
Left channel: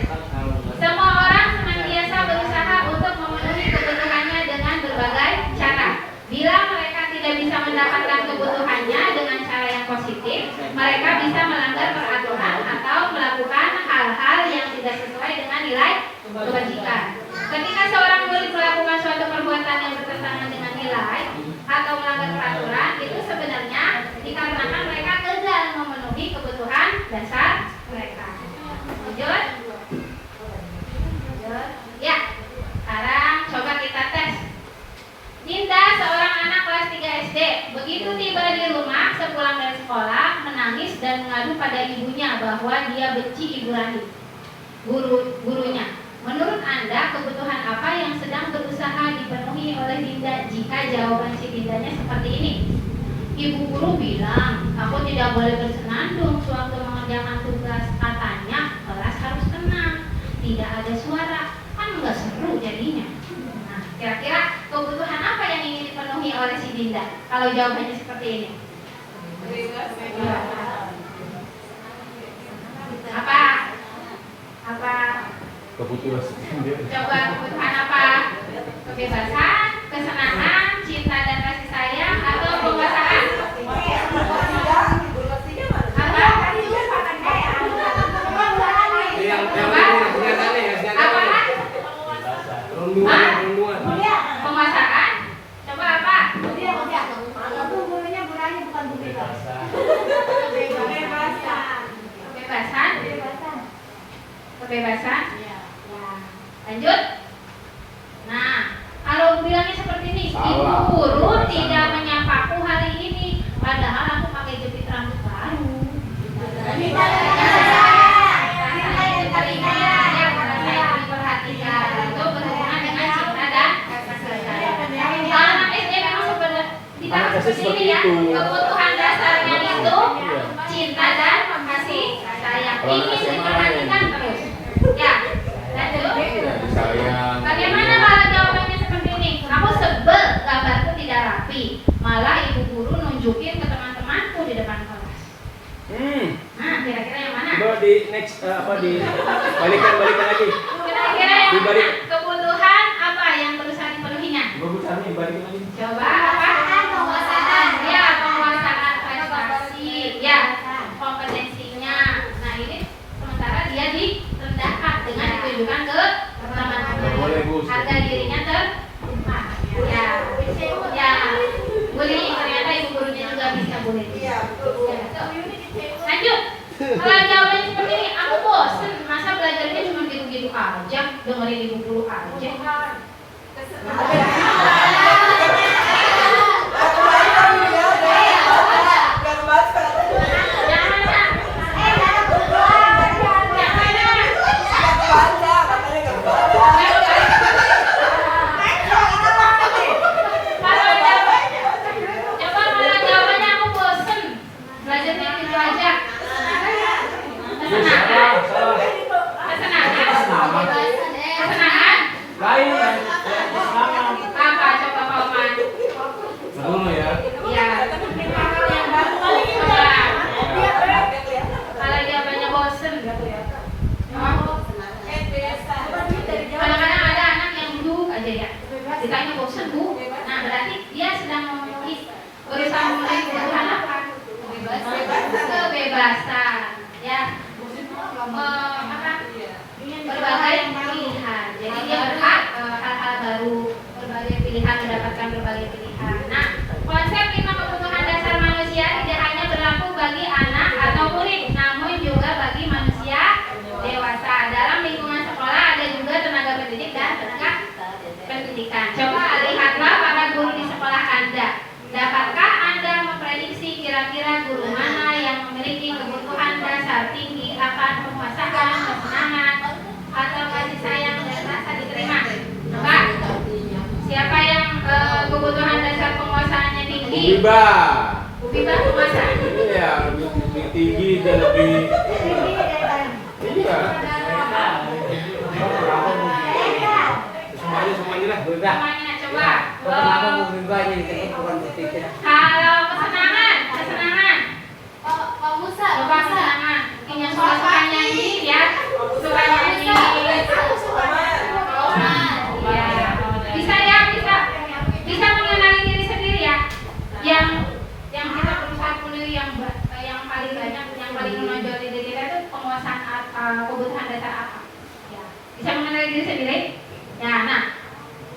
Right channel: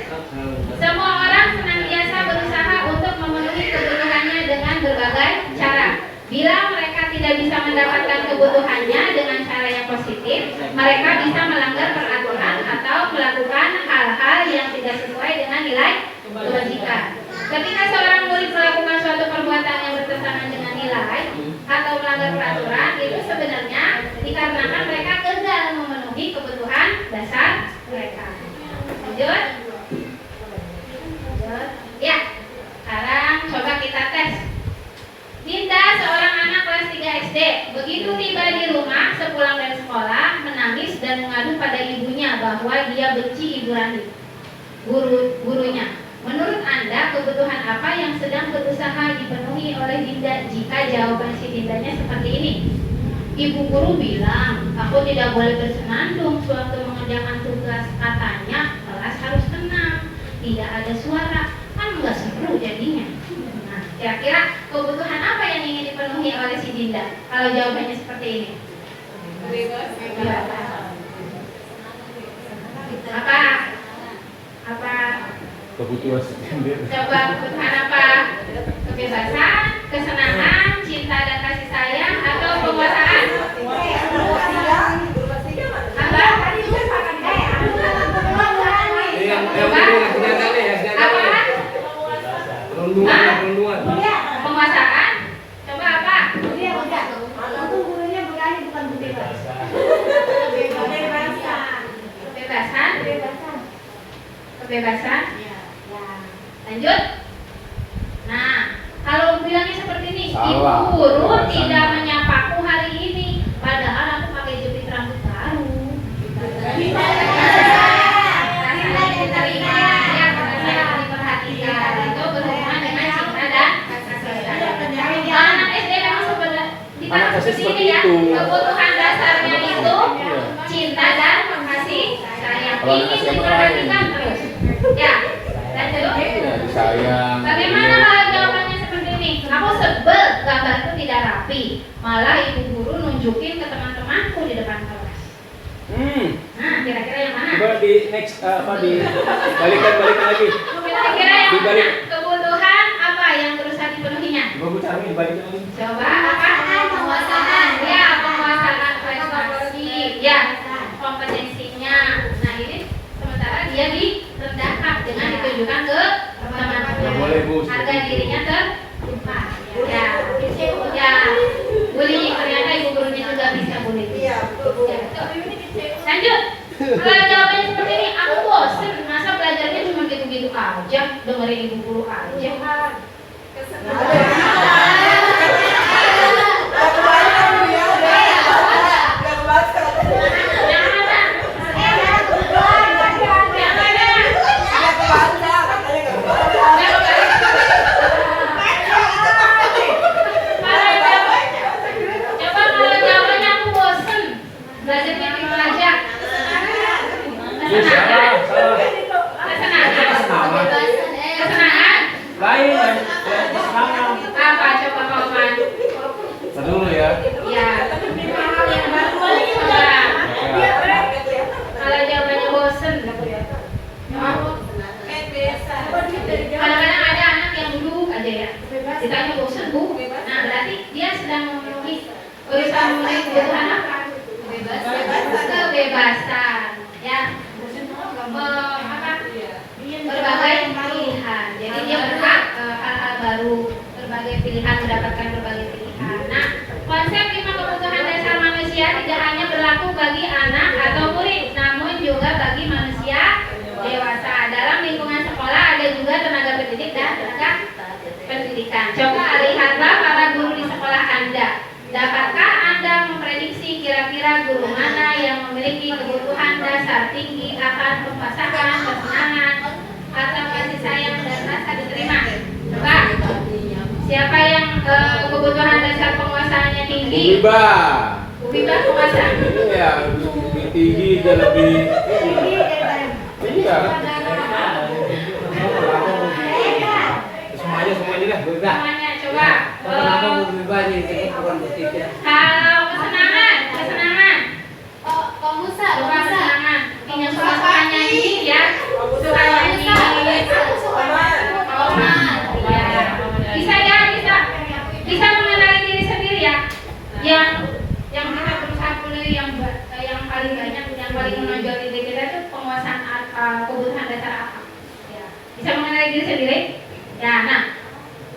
Semua orang senantiasa berusaha untuk memenuhi kebutuhannya dengan berbagai cara. Bila mereka tidak bisa mendapatkan kebutuhannya dengan cara yang positif, mereka bisa melanggar peraturan atau melakukan hal-hal yang tidak sesuai dengan nilai kebajikan. Ketika seorang murid melakukan suatu perbuatan yang bertentangan dengan nilai atau melanggar peraturan, itu sebenarnya dikarenakan mereka gagal memenuhi kebutuhan dasar mereka. Lanjut. Ya, sekarang coba kita tes. Dinda, seorang anak kelas 3 SD, begitu tiba di rumah sepulang dari sekolah, menangis dan mengadu pada ibunya bahwa dia benci Ibu Rahim, gurunya. Menurut Anda, kebutuhan apa yang sedang berusaha dipenuhi oleh Dinda jika jawaban si Dindanya seperti ini? Ibu guru bilang, aku tidak boleh bersenandung sewaktu mengerjakan tugas. Katanya, kelas harus tenang, tidak ada suara, kan nggak seru jadinya. Nah, kira-kira kebutuhan apa yang ingin dipenuhi oleh si Dinda? Kalau jawabannya seperti ini. Apa? Kebutuhan sendiri. Coba kebutuhan apa? Kebebasan, kesenangan, cinta dan kasih sayang, atau penguasaan? Penguasaan. Coba apa? Kebebasan. Lanjut. Nah, kalau bilangnya seperti ini, Salah. Ibu guru Kebebasan. tidak menyapaku hari ini, padahal aku pakai jepit rambut baru. Diterima, ya, karena saya diperhatikan. Itu berhubungan dengan cinta dan kasih sayang. Anak SD memang sebenarnya Anak SD seperti seperti ini ya. itu. Kebutuhan dasarnya itu Iya. cinta dan kasih sayang. Kalau Ini anak SMA diperhatikan terus. Ya, lanjut. Ya, disayang. Bagaimana kalau jawabannya seperti ini? Aku sebel gambarku tidak rapi. Malah ibu guru nunjukin ke teman-temanku di depan kelas. Nah, kira-kira yang mana? Coba di next balikan lagi. Kira-kira yang Dibalik. mana? Kebutuhan apa yang berusaha dipenuhinya? Coba Bu Carmi dibalikin lagi. Coba apa? Penguasaan. Ya, penguasaan prestasi. Ya, kompetensinya. Nah, ini sementara dia direndahkan dengan ditujukan ke teman-temannya. Ya, boleh, Bu. Harga dirinya terlupa. Ya, bullying ternyata ibu gurunya juga bisa bullying. Ya, betul. Lanjut. Kalau jawabannya seperti ini, aku bosen. Masa belajarnya cuma gitu-gitu aja, dengerin ibu guru aja. Lain kan? Kesenangan. Apa coba kawan? Dulu ya. Ya. Coba. Kalau jawabannya bosen. Kadang-kadang ada anak yang duduk aja ya. Ditanya bosen Bu. Nah berarti dia sedang memenuhi berusaha memenuhi kebutuhan apa? Kebebasan. Ya. Berbagai pilihan. Jadi dia berhak hal-hal baru, berbagai pilihan, mendapatkan berbagai pilihan. Nah, konsep 5 kebutuhan dasar manusia tidak hanya berlaku bagi anak atau murid, namun juga bagi manusia dewasa. Dalam lingkungan sekolah ada juga tenaga pendidik dan tenaga pendidikan. Coba lihatlah para guru di sekolah Anda. Dapatkah Anda memprediksi kira-kira guru mana yang memiliki kebutuhan dasar tinggi akan penguasaan, kesenangan, atau kasih sayang dan rasa diterima? Pak, siapa yang kebutuhan dasar penguasaannya tinggi? Ubiba. Ubiba penguasaan. Iya, lebih tinggi dan lebih. Iya. Semuanya lah. Semuanya coba. Kenapa mau berubah nih? Bukan bertiga. Kalau kesenangan yang paling banyak, yang paling menonjol di diri kita itu penguasaan kebutuhan dasar apa? Ya. Bisa mengenali diri sendiri? Ya, nah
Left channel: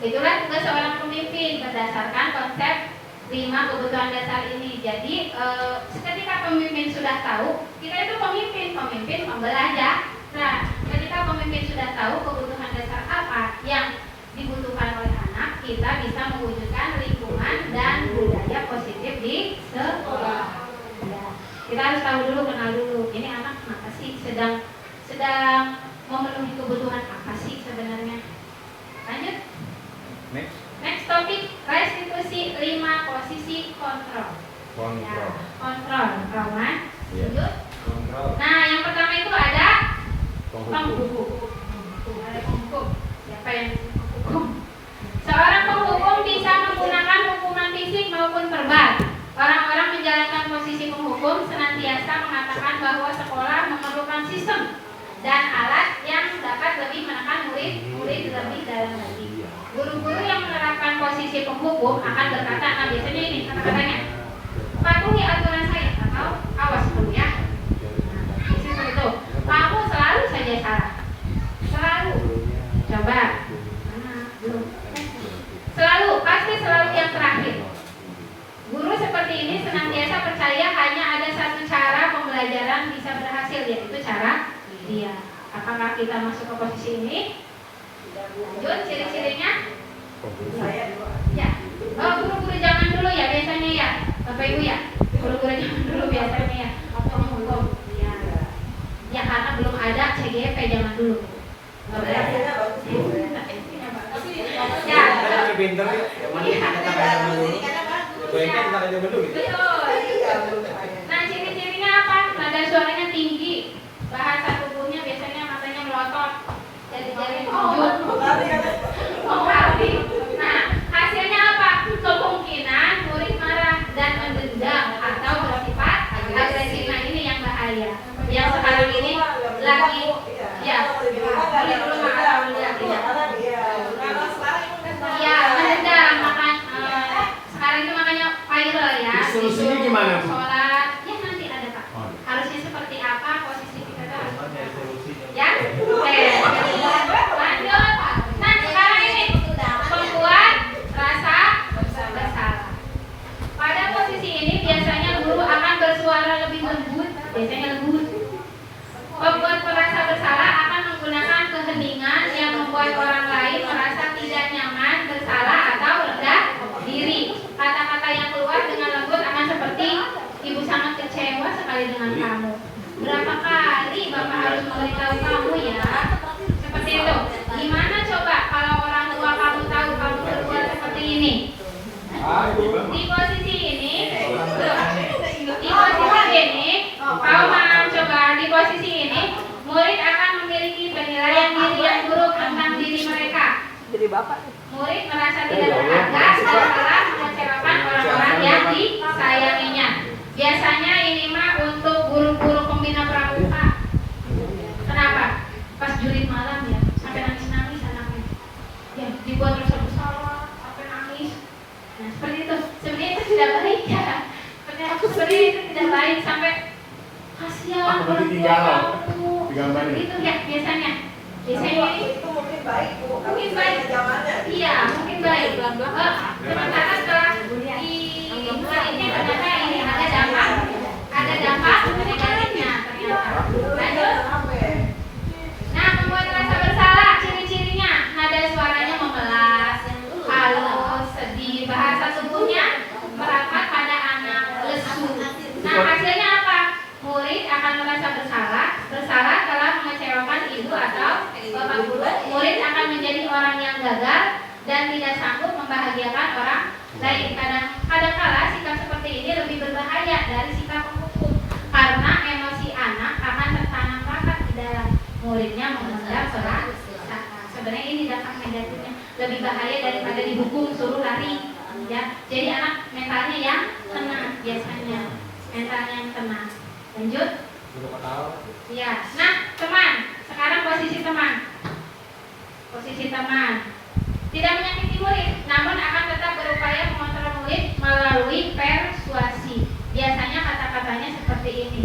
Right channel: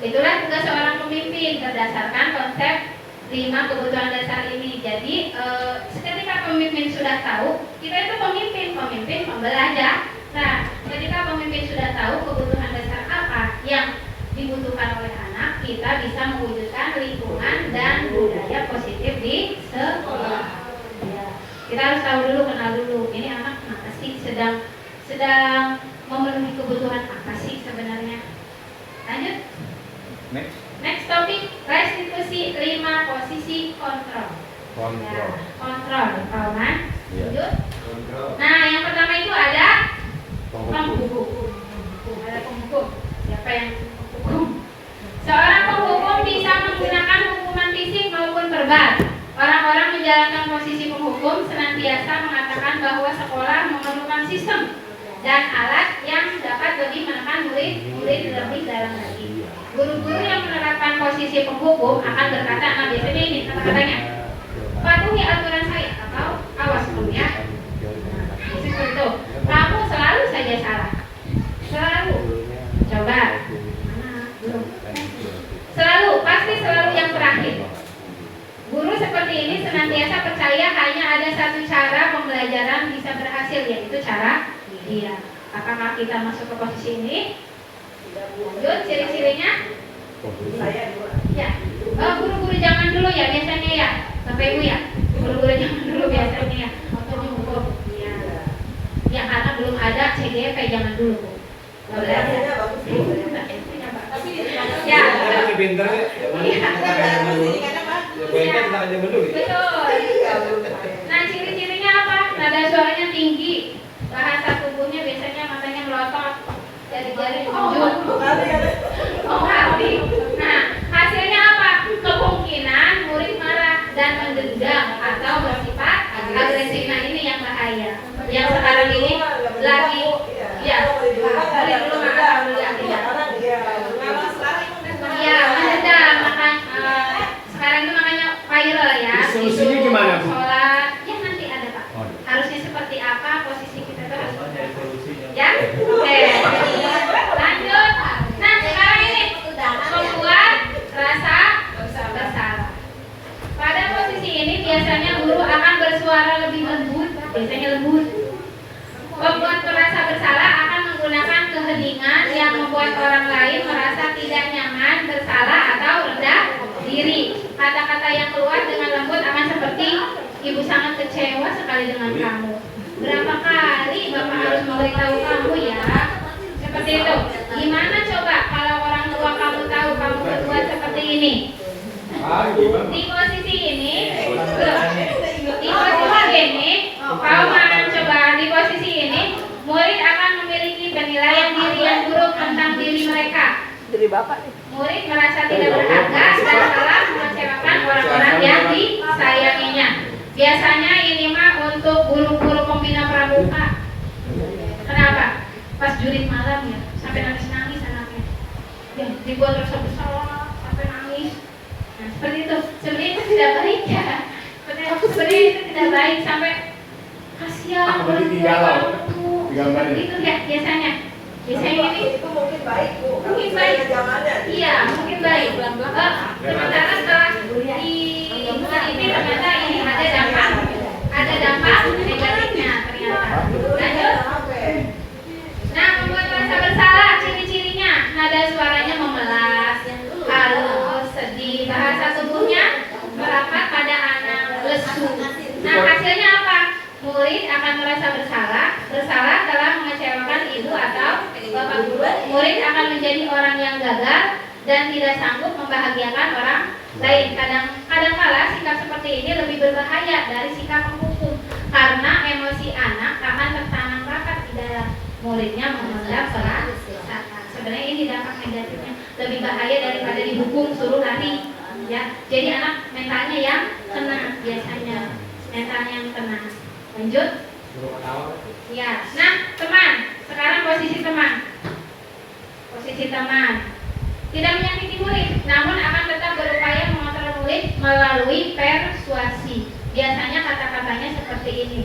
itulah tugas seorang pemimpin berdasarkan konsep 5 kebutuhan dasar ini. Jadi ketika pemimpin sudah tahu, kita itu pemimpin pembelajar. Nah, ketika pemimpin sudah tahu kebutuhan dasar apa yang dibutuhkan oleh anak, kita bisa mewujudkan lingkungan dan budaya positif di sekolah. Ya. Kita harus tahu dulu, kenal dulu. Ini anak kenapa sih sedang memenuhi kebutuhan apa sih sebenarnya? Lanjut. Next topik, restitusi 5 posisi kontrol. Ya, kontrol, kawan. Lanjut. Nah, yang pertama itu ada penghukum. Ada penghukum. Siapa yang menghukum? Seorang penghukum bisa menggunakan hukuman fisik maupun verbal. Orang-orang menjalankan posisi penghukum senantiasa mengatakan bahwa sekolah memerlukan sistem dan alat yang dapat lebih menekan murid lebih dalam lagi. Guru-guru yang menerapkan posisi penghukum akan berkata, nah biasanya ini kata-katanya, patuhi aturan saya atau awas kamu ya. Seperti itu. Kamu selalu saja salah. Selalu. Coba. Belum. Pasti selalu yang terakhir. Guru seperti ini senantiasa percaya hanya ada satu cara pembelajaran bisa berhasil, yaitu cara dia. Apakah kita masuk ke posisi ini? Lanjut, ciri-cirinya? Ya. Guru-guru zaman dulu ya biasanya ya, Bapak Ibu ya. Guru-guru zaman dulu biasanya ya. Penghukum. Ya. Ya karena belum ada CGP zaman dulu. Ya. Pinter ya. Betul. Nah, ciri-cirinya apa? Nada suaranya tinggi, bahasa tubuhnya biasanya matanya melotot, jari-jari menunjuk. Nah, hasilnya apa? Kemungkinan murid marah dan mendendam atau bersifat agresif. Nah, ini yang bahaya. Yang sekarang ini lagi ya, murid belum atau lagi ya, mendendam. Sekarang itu makanya viral ya. Solusinya gimana, Bu? Sholat, ya nanti ada Pak. Harusnya seperti apa posisi kita itu harus. Ya, oke. Lanjut. Nah, sekarang ini membuat rasa bersalah. Pada posisi ini biasanya guru akan bersuara lebih lembut, biasanya lembut. Pembuat merasa bersalah akan menggunakan keheningan yang membuat orang lain merasa tidak nyaman, bersalah atau rendah diri. Kata-kata yang keluar dengan lembut akan seperti, ibu sangat kecewa sekali dengan kamu. Berapa kali bapak harus memberitahu kamu ya? Seperti itu. Gimana coba kalau orang tua kamu tahu kamu berbuat seperti ini? Di posisi ini, di posisi ini, murid akan memiliki penilaian diri yang buruk tentang diri mereka. Jadi bapak nih. Murid merasa tidak berharga dan malah mengecewakan orang-orang yang disayanginya. Biasanya ini mah untuk guru-guru pembina pramuka. Kenapa? Pas jurit malam ya, sampai nangis-nangis anaknya. Ya, dibuat rasa bersalah sampai nangis. Nah, seperti itu. Sebenarnya itu tidak baik ya. Sebenarnya itu tidak baik sampai kasihan. Digambarin. Itu ya biasanya. Biasanya ini mungkin baik, Bu. mungkin baik. Iya, mungkin baik. Sementara setelah ini ternyata ini ada dampak negatifnya ternyata. Lanjut. Nah, membuat rasa bersalah, ciri-cirinya nada suaranya memelas, halus, sedih, bahasa tubuhnya merapat pada anak, lesu. Nah, hasilnya apa? Murid akan merasa bersalah telah mengecewakan ibu atau bapak guru. Murid akan menjadi orang yang gagal dan tidak sanggup membahagiakan orang lain. Kadang-kala sikap seperti ini lebih berbahaya dari sikap penghukum karena emosi anak akan tertanam rapat di dalam muridnya memendam perasaan. Sebenarnya ini dampak negatifnya lebih bahaya daripada dihukum suruh lari. Ya, jadi anak mentalnya yang kena biasanya, mentalnya yang kena. Lanjut. Ya, nah teman, sekarang posisi teman. Posisi teman tidak menyakiti murid, namun akan tetap berupaya mengontrol murid melalui persuasi. Biasanya kata-kata caranya seperti ini.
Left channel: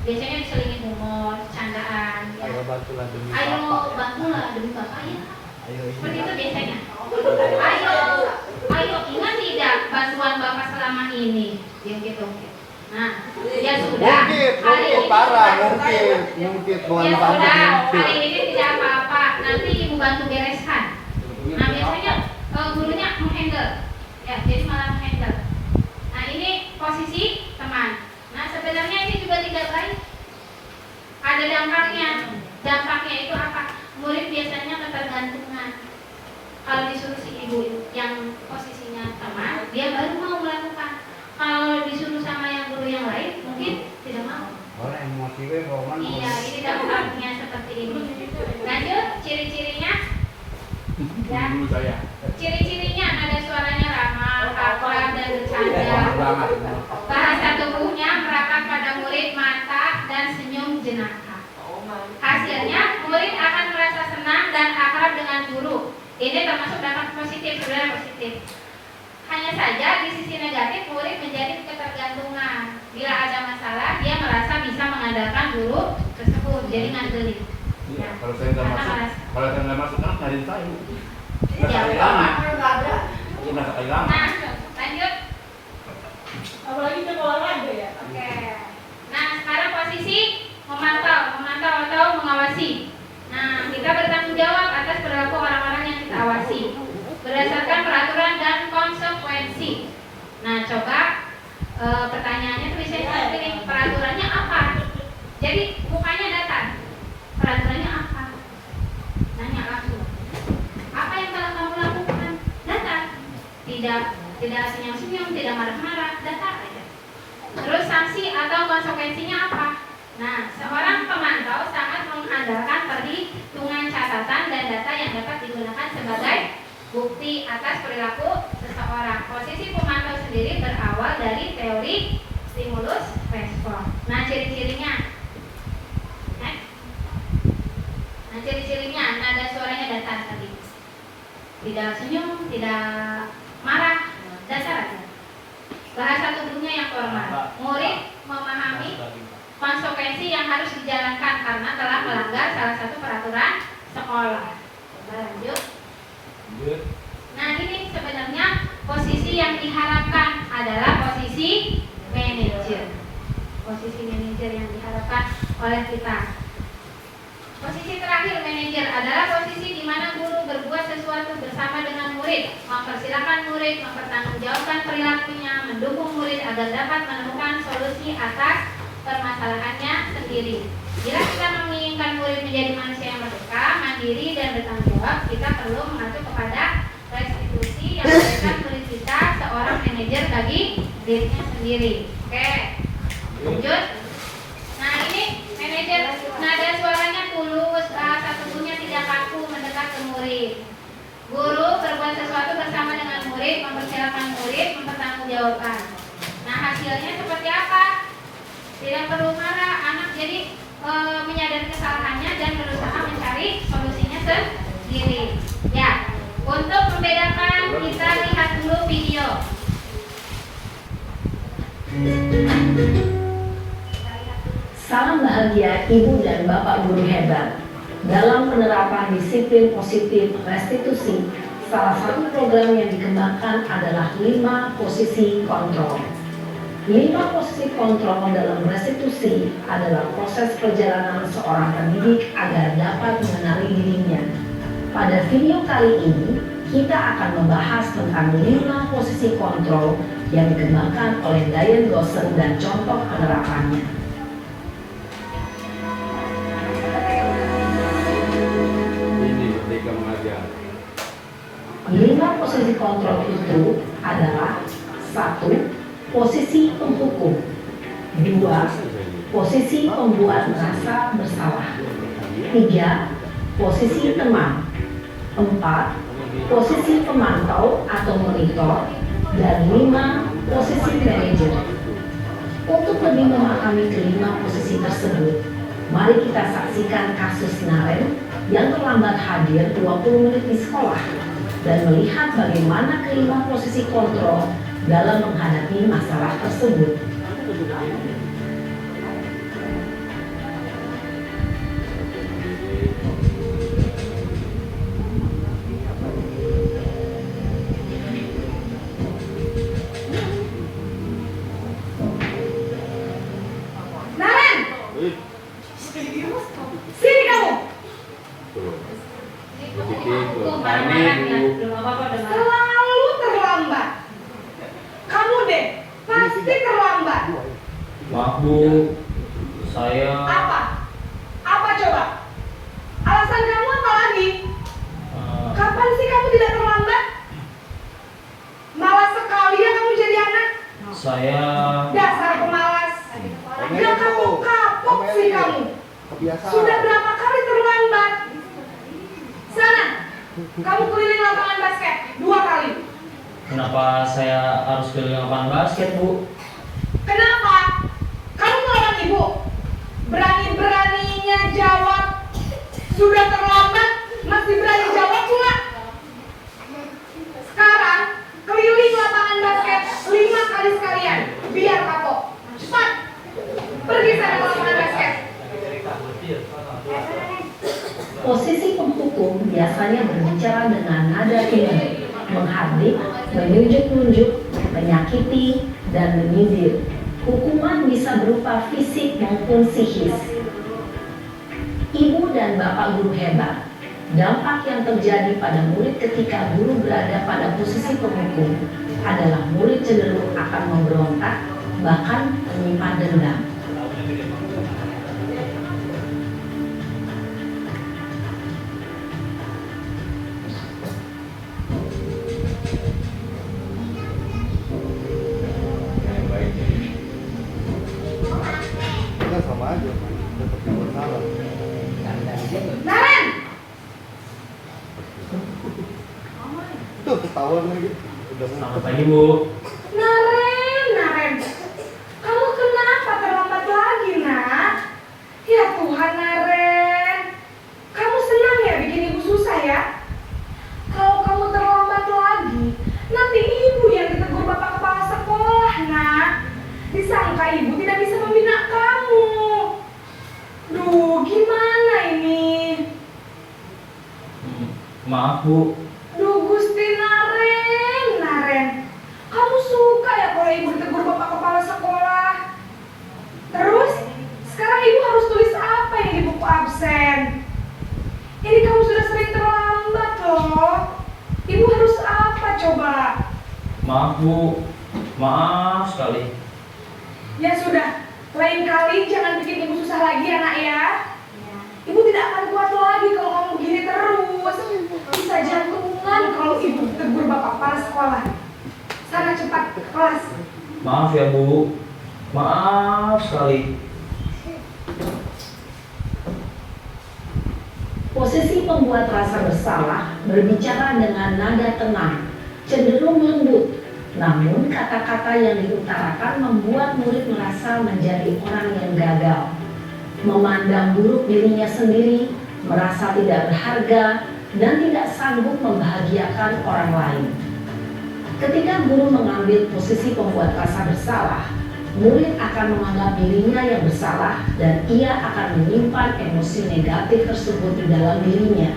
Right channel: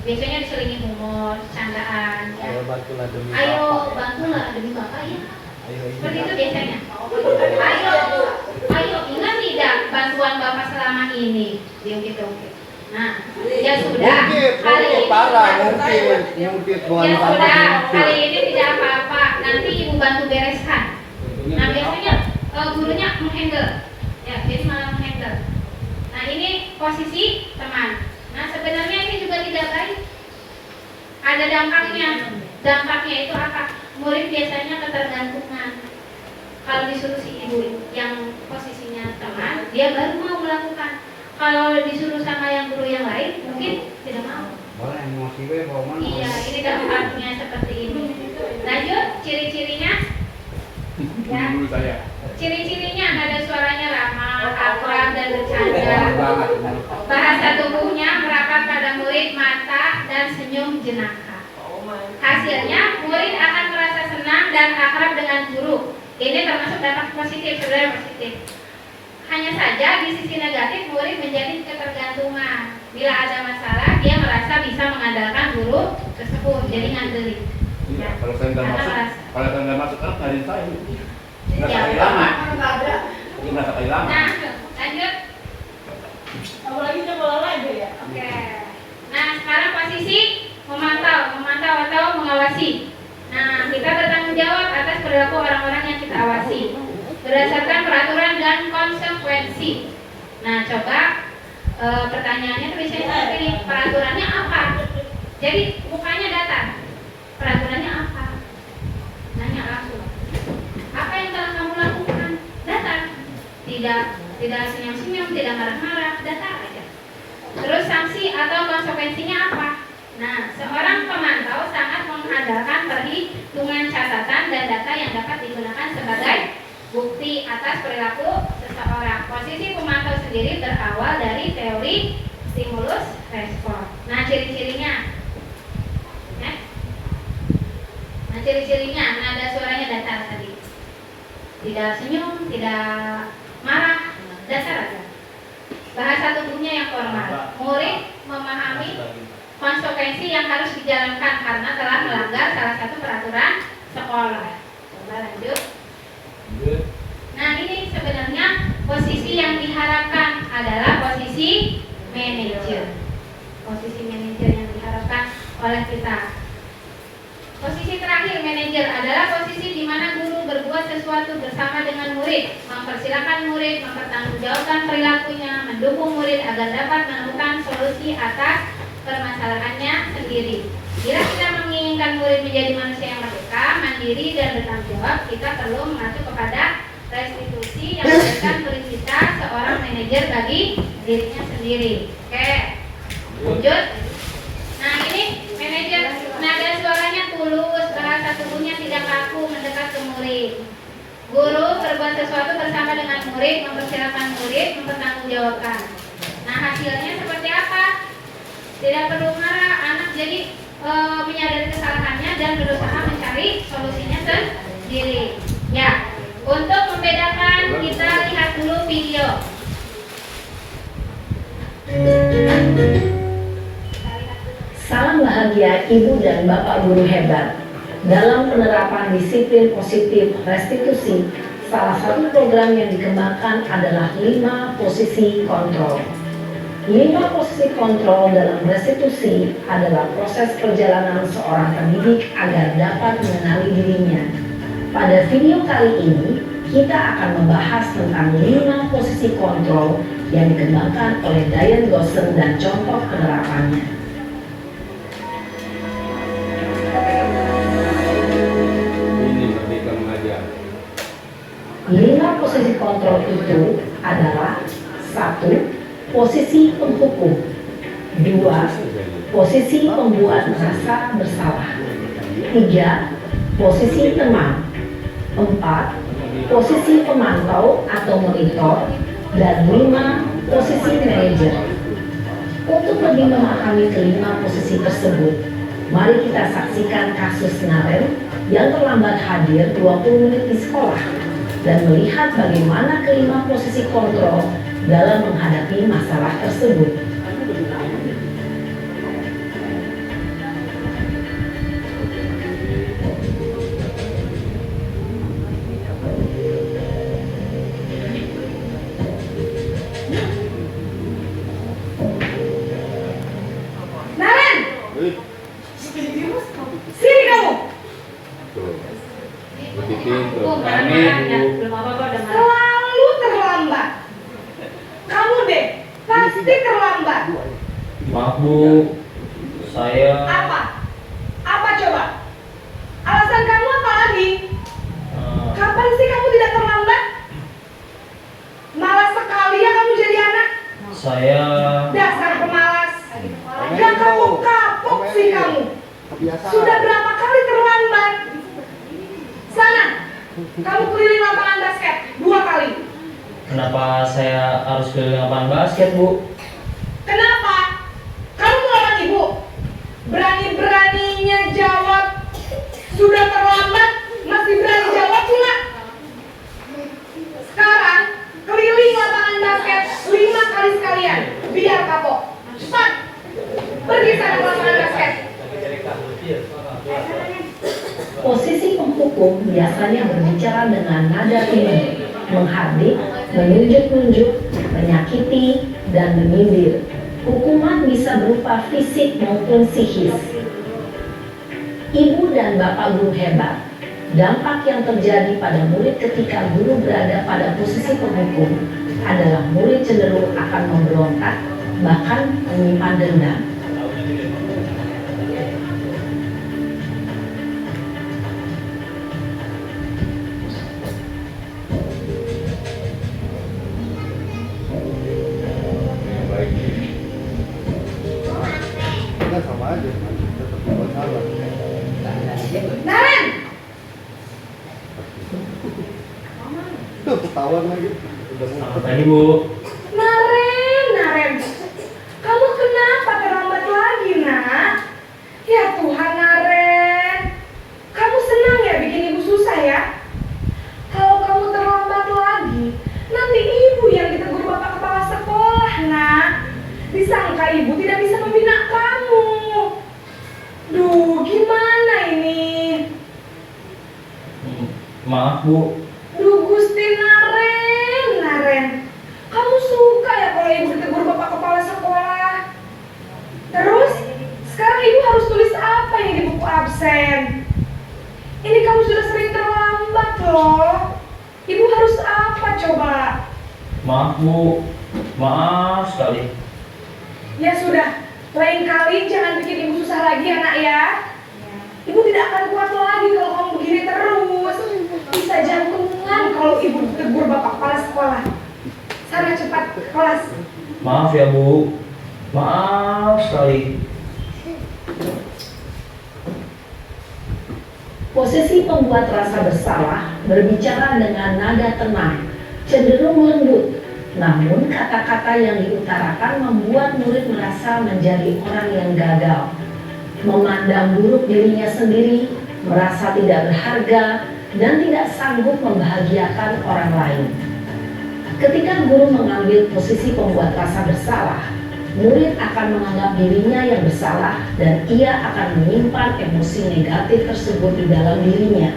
Biasanya diselingi humor, candaan. Ya. Ayo bantulah demi Ayo Bapak. bantulah demi Bapak ya. Ayo Seperti ini. itu biasanya. Ayo ingat tidak bantuan Bapak selama ini? Diungkit-ungkit. Nah, ya sudah. Mungkin parah, mungkin bukan Ya kamu sudah, mungkin. hari ini tidak apa-apa. Nanti ibu bantu bereskan. Nah biasanya gurunya menghandle. Ya, jadi malah menghandle. Nah ini posisi teman. Nah sebenarnya ini juga tidak baik. Ada dampaknya. Dampaknya itu apa? Murid biasanya ketergantungan. Kalau disuruh si ibu yang posisinya teman, dia baru mau melakukan. Kalau disuruh sama yang guru yang lain, mungkin tidak mau. Iya, ini dampaknya seperti ini. Lanjut, ciri-cirinya. Ya. Ciri-cirinya ada suaranya ramah, akrab dan bercanda. Bahasa tubuhnya merapat pada murid, mata dan senyum jenaka. Hasilnya, murid akan merasa senang dan akrab dengan guru. Ini termasuk dampak positif, sebenarnya positif. Hanya saja di sisi negatif, murid menjadi ketergantungan. Bila ada masalah, dia merasa bisa mengandalkan guru tersebut, jadi ngandelin. Iya, kalau saya nggak masuk kan ngajarin saya. Nggak Ya. kehilangan. Nggak kehilangan. Nah, lanjut. Apalagi coba olahraga ya. Oke. Nah, sekarang posisi memantau atau mengawasi. Nah, kita bertanggung jawab atas perilaku orang-orang yang kita awasi berdasarkan peraturan dan konsekuensi. Nah, coba pertanyaannya tulisnya seperti ini. Peraturannya apa? Jadi mukanya datar. Peraturannya apa? Nanya langsung. Apa yang telah kamu lakukan? Datar. Tidak senyum-senyum, tidak marah-marah, datar aja. Terus sanksi atau konsekuensinya apa? Nah, seorang pemantau sangat mengandalkan perhitungan catatan dan data yang dapat digunakan sebagai bukti atas perilaku seseorang. Posisi pemantau sendiri berawal dari teori stimulus respon. Nah, ciri-cirinya. Nah, ciri-cirinya nada suaranya datar tadi. Tidak senyum, tidak marah, datar aja. Bahasa tubuhnya yang formal. Murid memahami konsekuensi yang harus dijalankan karena telah melanggar salah satu peraturan sekolah. Coba lanjut. Nah, ini sebenarnya posisi yang diharapkan adalah posisi manajer. Posisi manajer yang diharapkan oleh kita. Posisi terakhir manajer adalah posisi di mana guru berbuat sesuatu bersama dengan murid, mempersilahkan murid, mempertanggungjawabkan perilakunya, mendukung murid agar dapat menemukan solusi atas permasalahannya sendiri. Bila kita menginginkan murid menjadi manusia yang merdeka, mandiri dan bertanggung jawab, kita perlu mengacu kepada restitusi yang memberikan murid kita seorang manajer bagi dirinya sendiri. Oke, lanjut. Nah, ini manajer, nada suaranya tulus, bahasa tubuhnya tidak kaku, mendekat ke murid. Guru berbuat sesuatu bersama dengan murid, mempersilahkan murid, mempertanggungjawabkan. Nah, hasilnya seperti apa? Tidak perlu marah, anak jadi menyadari kesalahannya dan berusaha mencari solusinya sendiri. Ya, untuk membedakan kita lihat dulu video. Salam bahagia Ibu dan Bapak guru hebat. Dalam penerapan disiplin positif restitusi, salah satu program yang dikembangkan adalah 5 posisi kontrol. 5 posisi kontrol dalam restitusi adalah proses perjalanan seorang pendidik agar dapat mengenali dirinya. Pada video kali ini, kita akan membahas tentang 5 posisi kontrol yang dikembangkan oleh Diane Gosson dan contoh penerapannya. Ini merdeka mengajar. 5 posisi kontrol itu adalah 1. Posisi penghukum. 2. Posisi pembuat merasa bersalah. 3. Posisi teman. 4. Posisi pemantau atau monitor. Dan 5. Posisi manajer. Untuk lebih memahami kelima posisi tersebut, mari kita saksikan kasus Naren yang terlambat hadir 20 menit di sekolah dan melihat bagaimana kelima posisi kontrol dalam menghadapi masalah tersebut. Sini kamu. Tuh. Ibu, Bikin tuh. Bu, Nah, marah-marah ini, ya. Bu. Belum apa-apa udah marah. Selalu terlambat. Kamu deh, pasti terlambat. Maaf Bu, saya Apa? Apa coba? Alasan kamu apa lagi? Kapan sih kamu tidak terlambat? Malas sekali ya kamu jadi anak. saya Dasar pemalas. Omelin, Gak Bu. kapok-kapok sih Omelin. kamu. Kebiasaan. Sudah berapa kali terlambat? Sana, kamu keliling lapangan basket 2 kali. kenapa saya harus ke lapangan basket Bu? Kenapa? Kamu melawan ibu. Berani-beraninya jawab. Sudah terlambat, masih berani jawab pula. Sekarang, keliling lapangan basket 5 kali sekalian. Biar kapok. Cepat. Pergi sana ke lapangan basket. Posisi penghukum biasanya berbicara dengan nada tinggi, menghardik, menunjuk-nunjuk, menyakiti, dan menyindir. Hukuman bisa berupa fisik maupun psikis. Ibu dan bapak guru hebat. Dampak yang terjadi pada murid ketika guru berada pada posisi penghukum adalah murid cenderung akan memberontak, bahkan menyimpan dendam. Baik. Kita sama aja, tetap dibuat salah. Naren! Tuh ketahuan lagi. Udah Selamat mumpet. pagi Bu. Naren! Kamu kenapa terlambat lagi, nak? Ya Tuhan, Naren. Kamu senang ya bikin ibu susah ya? Kalau kamu terlambat lagi, nanti ibu yang ditegur bapak kepala sekolah, nak. Disangka ibu tidak bisa membina kamu. Duh, gimana ini? Maaf Bu, Duh, Gusti Naren. Kamu suka ya kalau ibu ditegur bapak kepala sekolah? Terus, sekarang ibu harus tulis apa yang di buku absen? Ini kamu sudah sering terlambat loh. Ibu harus apa coba? maaf Bu, maaf sekali. Ya sudah, lain kali jangan bikin ibu susah lagi anak ya. Ibu tidak akan kuat lagi kalau kamu begini terus. Bisa jantungan kalau ibu ditegur bapak kepala sekolah. Sana cepat ke kelas. Maaf ya Bu, maaf sekali. Posisi pembuat rasa bersalah berbicara dengan nada tenang, cenderung lembut. Namun kata-kata yang diutarakan membuat murid merasa menjadi orang yang gagal, memandang buruk dirinya sendiri, merasa tidak berharga, dan tidak sanggup membahagiakan orang lain. Ketika guru mengambil posisi pembuat rasa bersalah, murid akan menganggap dirinya yang bersalah dan ia akan menyimpan emosi negatif tersebut di dalam dirinya.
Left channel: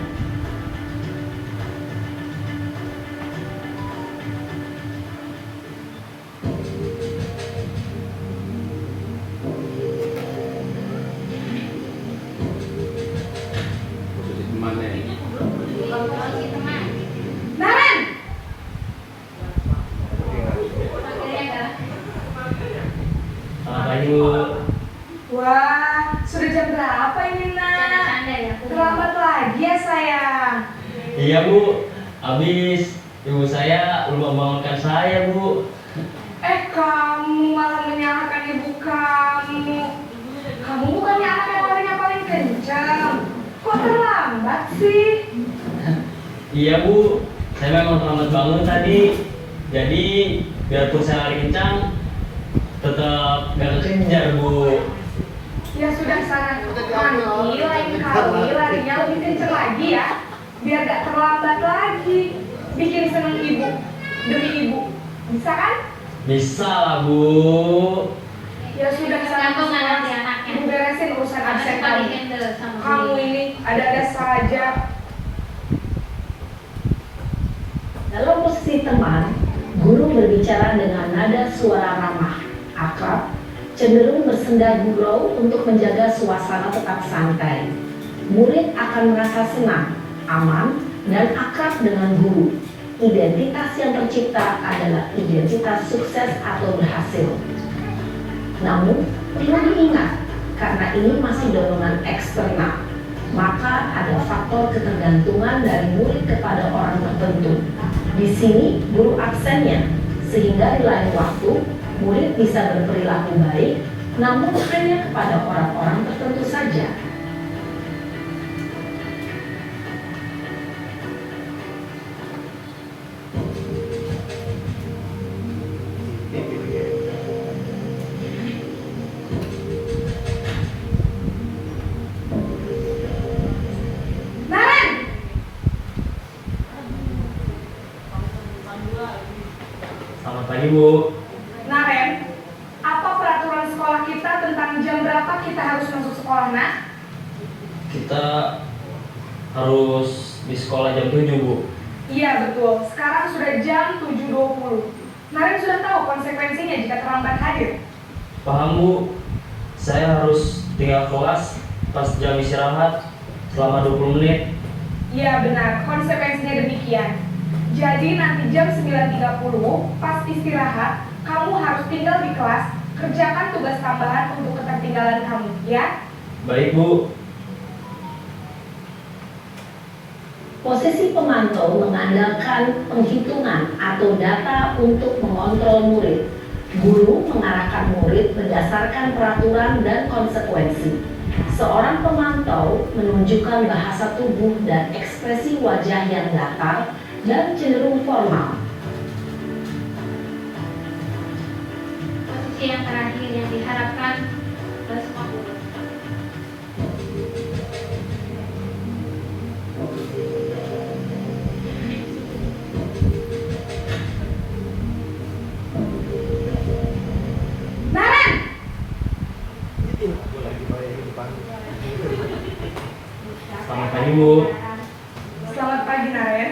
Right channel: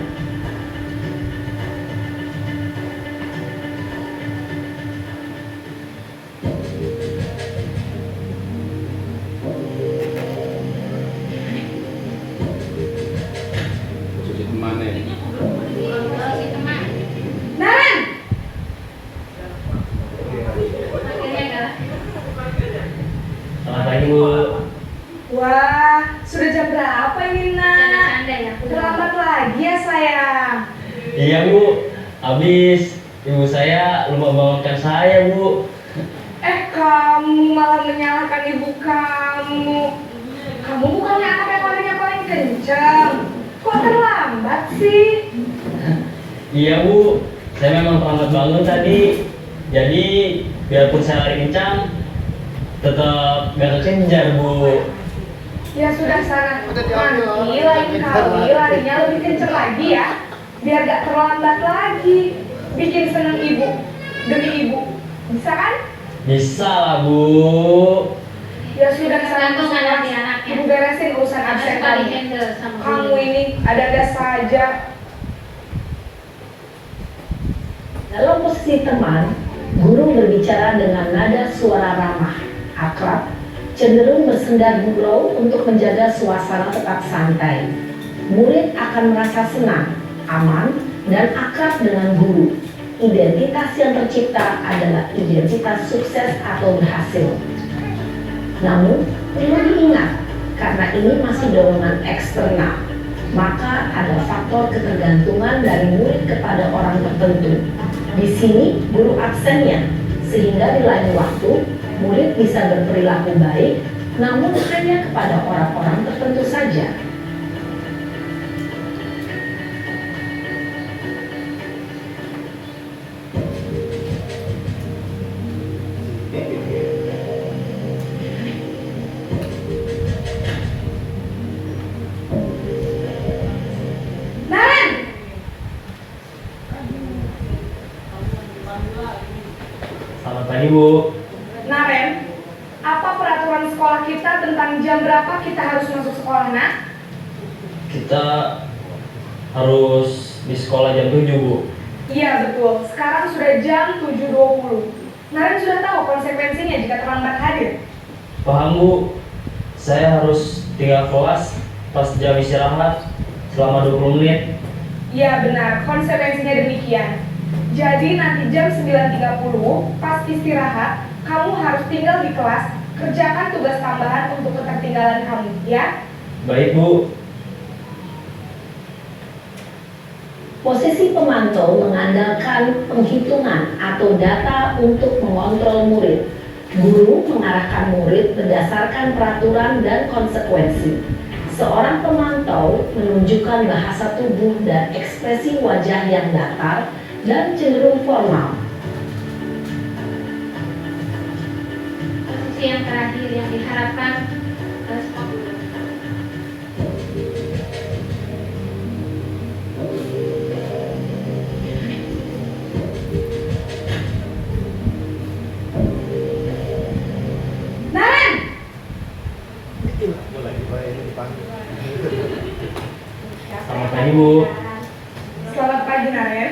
Posisi temannya. Kalau si teman, Naren! akhirnya enggak. Selamat pagi Bu. Wah, sudah jam berapa ini nak? Canda-canda ya. Terlambat lagi ya sayang. Iya Bu, habis ibu saya lupa membangunkan saya Bu. Kamu malah menyalahkan ibu kamu. Kamu bukannya anak yang paling kencang. Kok terlambat sih? Iya Bu, saya memang terlambat bangun tadi. Jadi biarpun saya lari kencang, tetap gak kekejar Bu. Ya sudah sana. Udah diambil, Nanti Om. lain kali larinya lebih kencang lagi ya. Biar gak terlambat lagi. Bikin seneng ibu. Demi ibu. Bisa kan? Bisa lah Bu. Ya sudah sana. Kamu sana di anaknya. Ibu beresin urusan Harus absen kali kamu. handle sama Kamu dia. ini ada-ada saja. Dalam posisi teman, guru berbicara dengan nada suara ramah, akrab, cenderung bersenda gurau untuk menjaga suasana tetap santai. Murid akan merasa senang, aman, dan akrab dengan guru. Identitas yang tercipta adalah identitas sukses atau berhasil. Namun, perlu diingat, karena ini masih dorongan eksternal, maka ada faktor ketergantungan dari murid kepada orang tertentu. Di sini, guru absennya, sehingga di lain waktu, murid bisa berperilaku baik, namun hanya kepada orang-orang tertentu saja. Naren, Selamat pagi Bu. Naren, apa peraturan sekolah kita tentang jam berapa kita harus masuk sekolah, nak? Kita harus di sekolah jam 7 Bu. Iya betul, sekarang sudah jam 7.20. Naren sudah tahu konsekuensinya jika terlambat hadir. Paham Bu, saya harus tinggal kelas pas jam istirahat selama 20 menit. Iya benar, konsekuensinya demikian. Jadi nanti jam 9.30 pas istirahat, kamu harus tinggal di kelas, kerjakan tugas tambahan untuk ketertinggalan kamu, ya? Baik Bu. Posisi pemantau mengandalkan penghitungan atau data untuk mengontrol murid. Guru mengarahkan murid berdasarkan peraturan dan konsekuensi. Seorang pemantau menunjukkan bahasa tubuh dan ekspresi wajah yang datar dan cenderung formal. Posisi yang terakhir yang diharapkan harus mampu. Naren! Gue lagi bayangin dipanggil. Selamat pagi Bu. Selamat pagi Naren.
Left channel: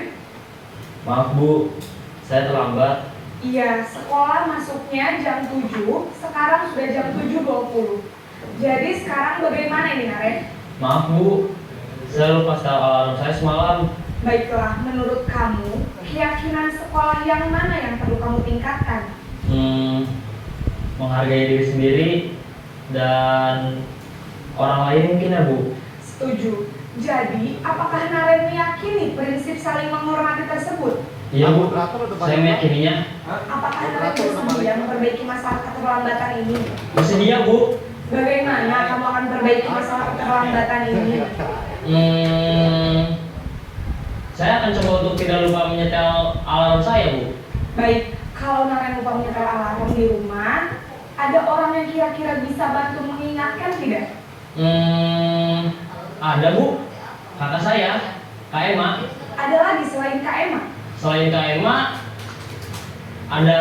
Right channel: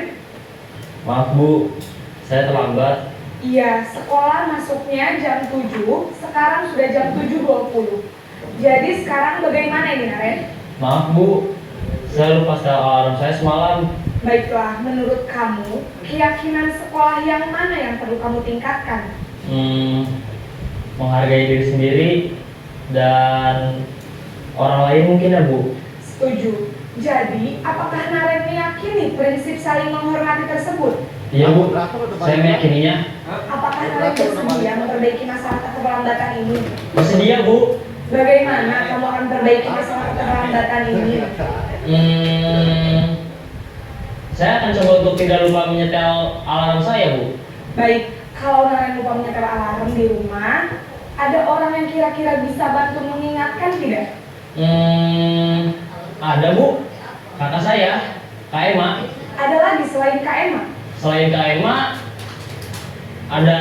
Maaf Bu, saya terlambat. Iya, sekolah masuknya jam 7, sekarang sudah jam 7.20. Jadi sekarang bagaimana ini Naren? Maaf Bu, saya lupa setel alarm saya semalam. Baiklah, menurut kamu, keyakinan sekolah yang mana yang perlu kamu tingkatkan? Menghargai diri sendiri dan orang lain mungkin ya Bu. Setuju. Jadi, apakah Naren meyakini prinsip saling menghormati tersebut? Iya Bu, Moderator udah saya balik. meyakininya. Apakah Naren Moderator udah balik. bersedia memperbaiki masalah keterlambatan ini? Bersedia Bu. Bagaimana kamu akan memperbaiki masalah keterlambatan ini? Saya akan coba untuk tidak lupa menyetel alarm saya Bu. Baik, kalau Naren lupa menyetel alarm di rumah, ada orang yang kira-kira bisa bantu mengingatkan tidak? Ada Bu, kakak saya, Kak Emma. Ada lagi selain Kak Emma? Selain Kak Emma, ada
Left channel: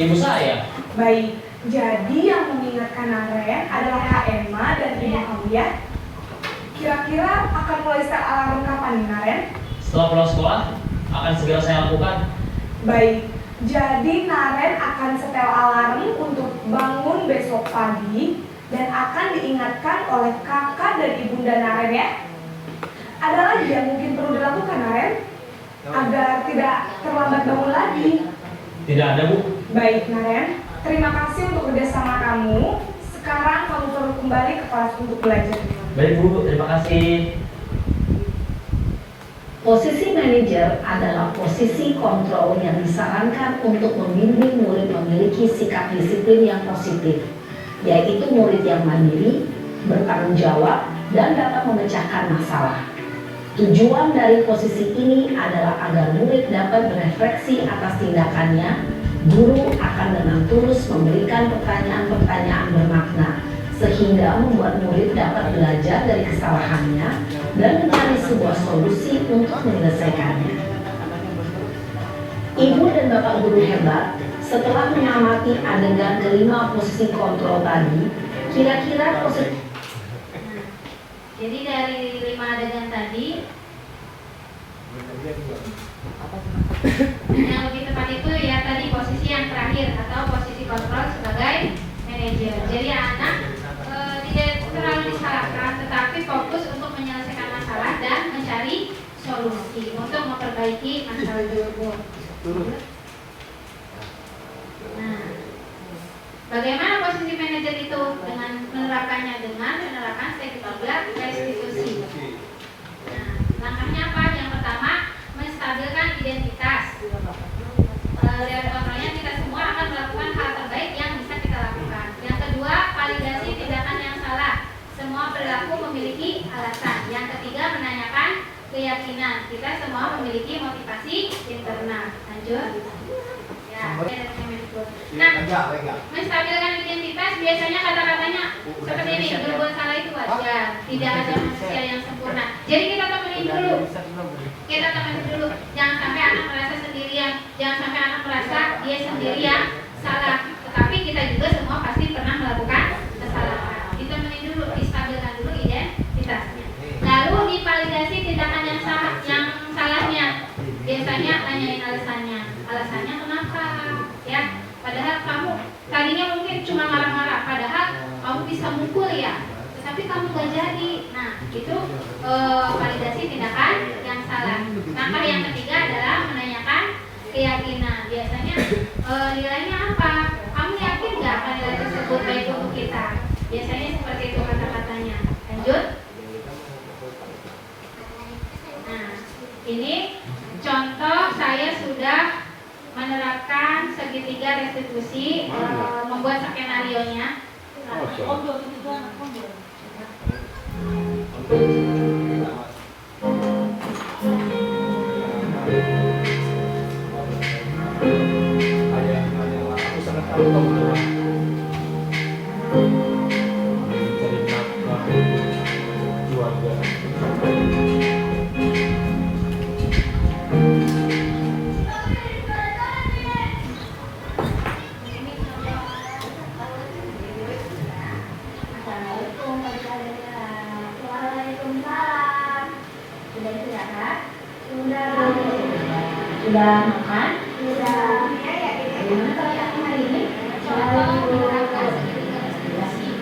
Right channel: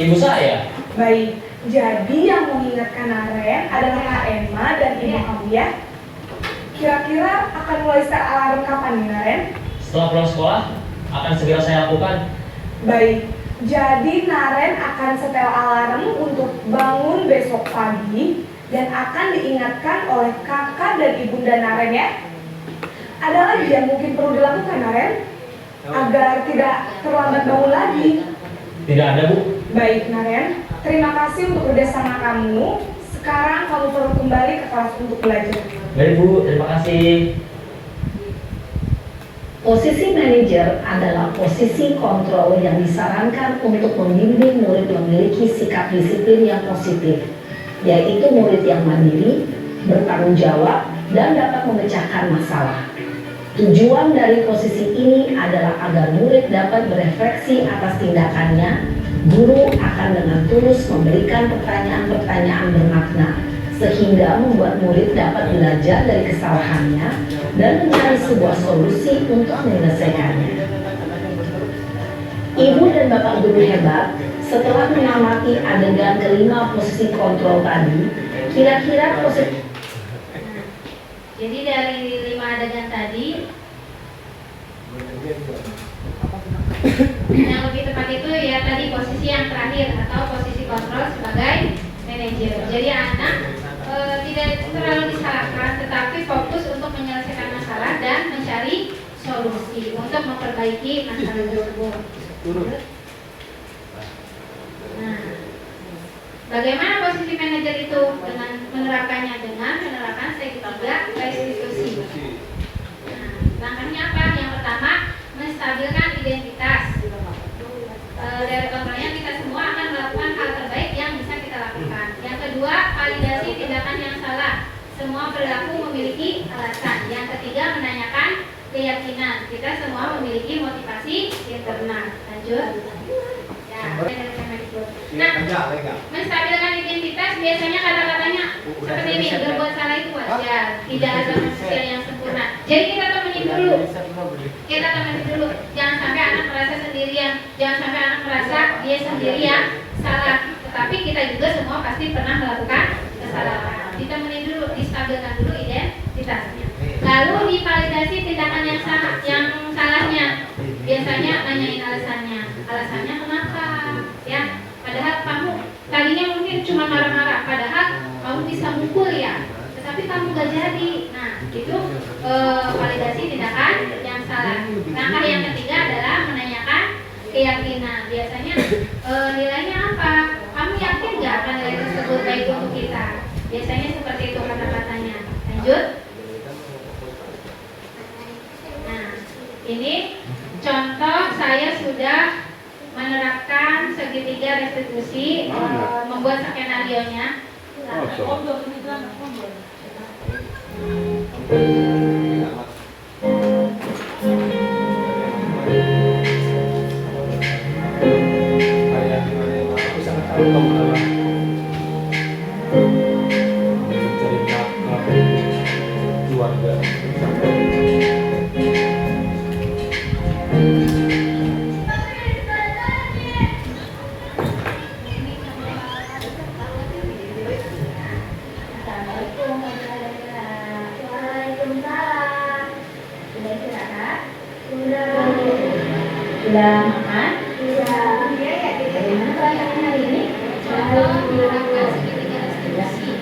ibu saya. Baik, jadi yang mengingatkan Naren adalah Kak Emma dan ibu kamu ya? Kira-kira akan mulai start alarm kapan nih Naren? Setelah pulang sekolah, akan segera saya lakukan. Baik, jadi Naren akan setel alarm untuk bangun besok pagi dan akan diingatkan oleh kakak dan ibunda Naren ya. Ada lagi yang mungkin perlu dilakukan Naren agar tidak terlambat bangun lagi. Tidak ada Bu. Baik Naren, terima kasih untuk kerjasama kamu. Sekarang kamu perlu kembali ke kelas untuk belajar. Baik Bu, terima kasih. Posisi manajer adalah posisi kontrol yang disarankan untuk membimbing murid memiliki sikap disiplin yang positif, yaitu murid yang mandiri, bertanggung jawab, dan dapat memecahkan masalah. Tujuan dari posisi ini adalah agar murid dapat berefleksi atas tindakannya. Guru akan dengan tulus memberikan pertanyaan-pertanyaan bermakna, sehingga membuat murid dapat belajar dari kesalahannya dan mencari sebuah solusi untuk menyelesaikannya. Ibu dan Bapak guru hebat, setelah mengamati adegan kelima posisi kontrol tadi, kira-kira posisi Jadi dari 5 adegan tadi, yang lebih tepat itu ya tadi posisi yang terakhir atau posisi kontrol sebagai manajer. Jadi anak tidak terlalu disalahkan, tetapi fokus untuk menyelesaikan masalah dan mencari solusi untuk memperbaiki masalah tersebut. Nah, bagaimana posisi manajer itu dengan menerapkannya dengan penerapan segitiga restitusi. Nah, langkahnya apa? Yang pertama, menstabilkan identitas. Dari kontrolnya kita semua akan melakukan hal terbaik yang bisa kita lakukan. Yang kedua, validasi tindakan yang salah. Semua perilaku memiliki alasan. Yang ketiga, menanyakan keyakinan. Kita semua memiliki motivasi internal. Lanjut. Ya, nah, menstabilkan identitas biasanya kata-katanya seperti ini. Berbuat salah itu wajar. Tidak ada manusia yang sempurna. Jadi kita temenin dulu. Jangan sampai anak merasa sendirian. Jangan sampai anak merasa dia sendirian salah. Tetapi kita juga semua pasti pernah melakukan kesalahan. Ditemenin dulu, distabilkan dulu identitasnya. Lalu divalidasi tindakan yang salahnya. Biasanya nanyain alasannya. Alasannya kenapa? Ya, padahal kamu tadinya mungkin cuma marah-marah. Padahal kamu bisa mukul ya. Tetapi kamu gak jadi. Nah, itu validasi tindakan yang salah. Langkah yang ketiga adalah menanyakan keyakinan. Biasanya nilainya apa? Kamu yakin gak akan nilai tersebut baik untuk kita? Biasanya seperti itu kata-katanya. Lanjut. Nah, ini contoh saya sudah menerapkan segitiga restitusi, membuat skenario-nya. Aku sangat tahu kamu dalam mencari nafkah keluarga. Sudah makan? Sudah. Bagaimana perasaannya hari ini?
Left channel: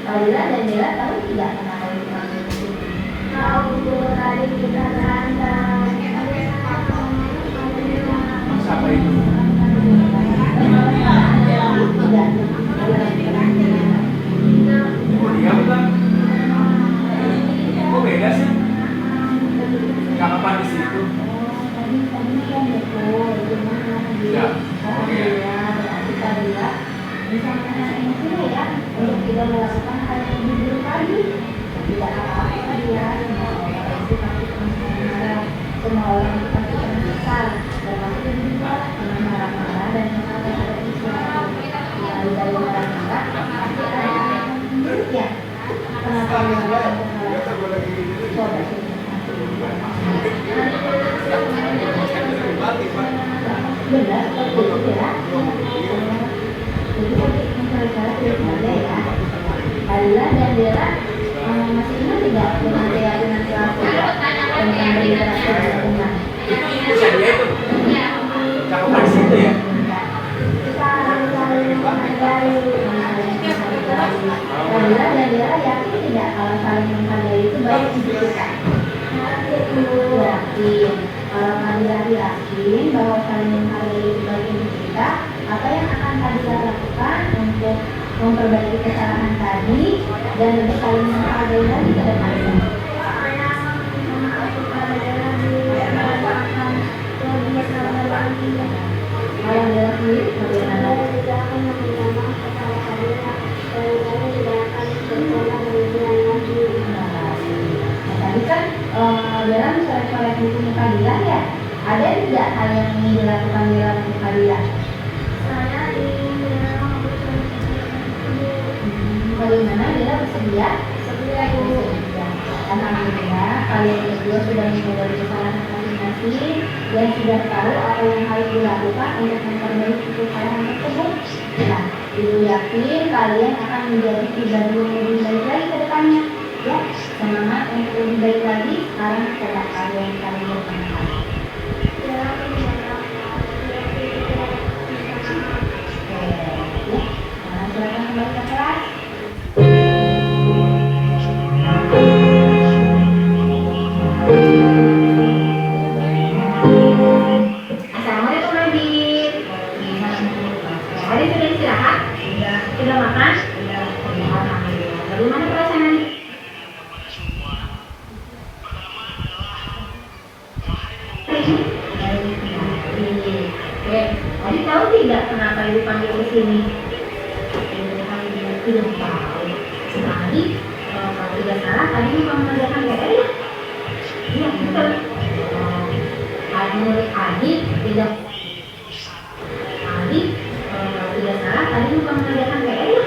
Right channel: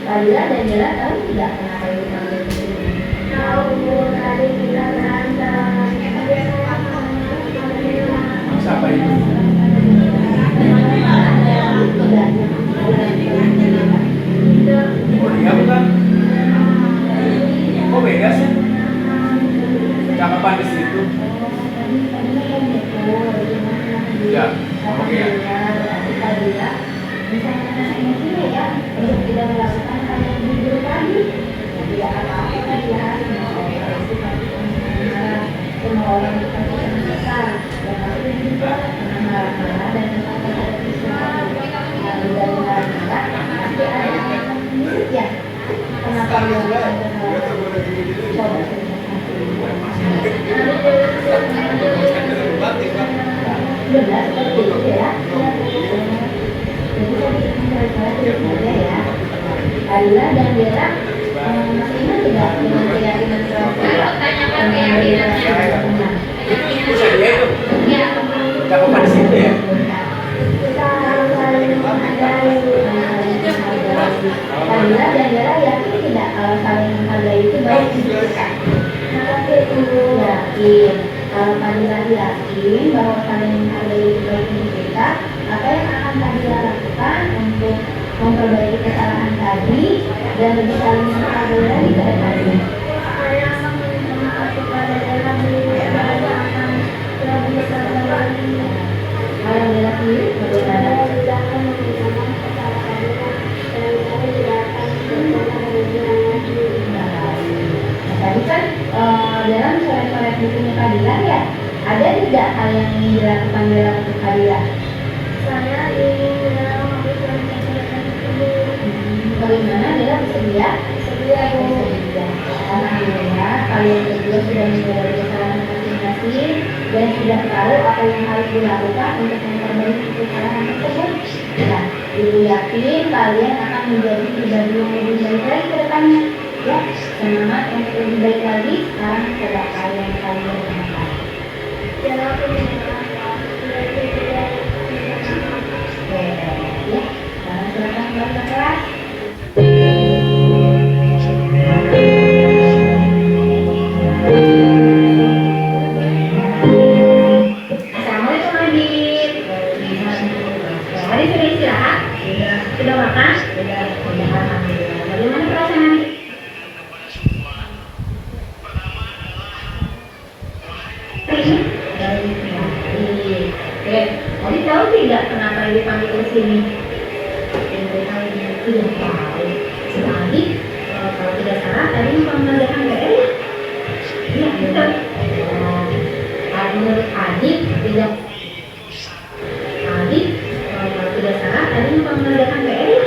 Kalila dan Dela tahu tidak kenapa ibu panggil ke sini? Tahu, tadi kita berantem. Siapa itu? Oh dia bukan? Kok beda sih? Cakapan di situ. Ya, oke ya. Bisa ngerasain dulu ya, untuk kita melakukan hal yang lebih buruk lagi. Tidak apa-apa ya, semua orang kita bisa besar dan aku juga pernah marah-marah dan mengatakan sesuatu. Lalu dari marah kita, ya, kenapa melakukan coba benar, betul ya. Jadi mencari tahu ya. Kalila dan Dela masih ingat tidak dengan keyakinan Itu saya dia itu. Cakapan di situ ya. Kalila dan Dela yakin tidak kalau saling menghargai itu baik untuk kita? Yakin. Kalau Kalila yakin bahwa saling menghargai itu baik untuk kita, apa yang akan Kalila lakukan untuk memperbaiki kesalahan tadi dan lebih saling menghargai lagi ke depannya? Kalau Dela sendiri bagaimana? Tadi kan Dela mencoret-coret bukunya Kalila ya. Ada tidak hal yang ingin dilakukan Dela untuk Kalila? Saya ingin bagaimana Dela bersedia? Bersedia. Alhamdulillah kalian berdua sudah menyadari kesalahan masing-masing dan sudah tahu apa yang harus dilakukan untuk memperbaiki kesalahan tersebut. Nah, Ibu yakin kalian akan menjadi pribadi yang lebih baik lagi ke depannya. Ya, semangat untuk lebih baik lagi. Sekarang coba kalian bermanfaat. Ya, silakan kembali ke kelas. Adik kalau tidak salah tadi mengerjakan PR ya? Iya, betul. Menurut Adik tidak Adik kalau tidak salah tadi mengerjakan PR ya?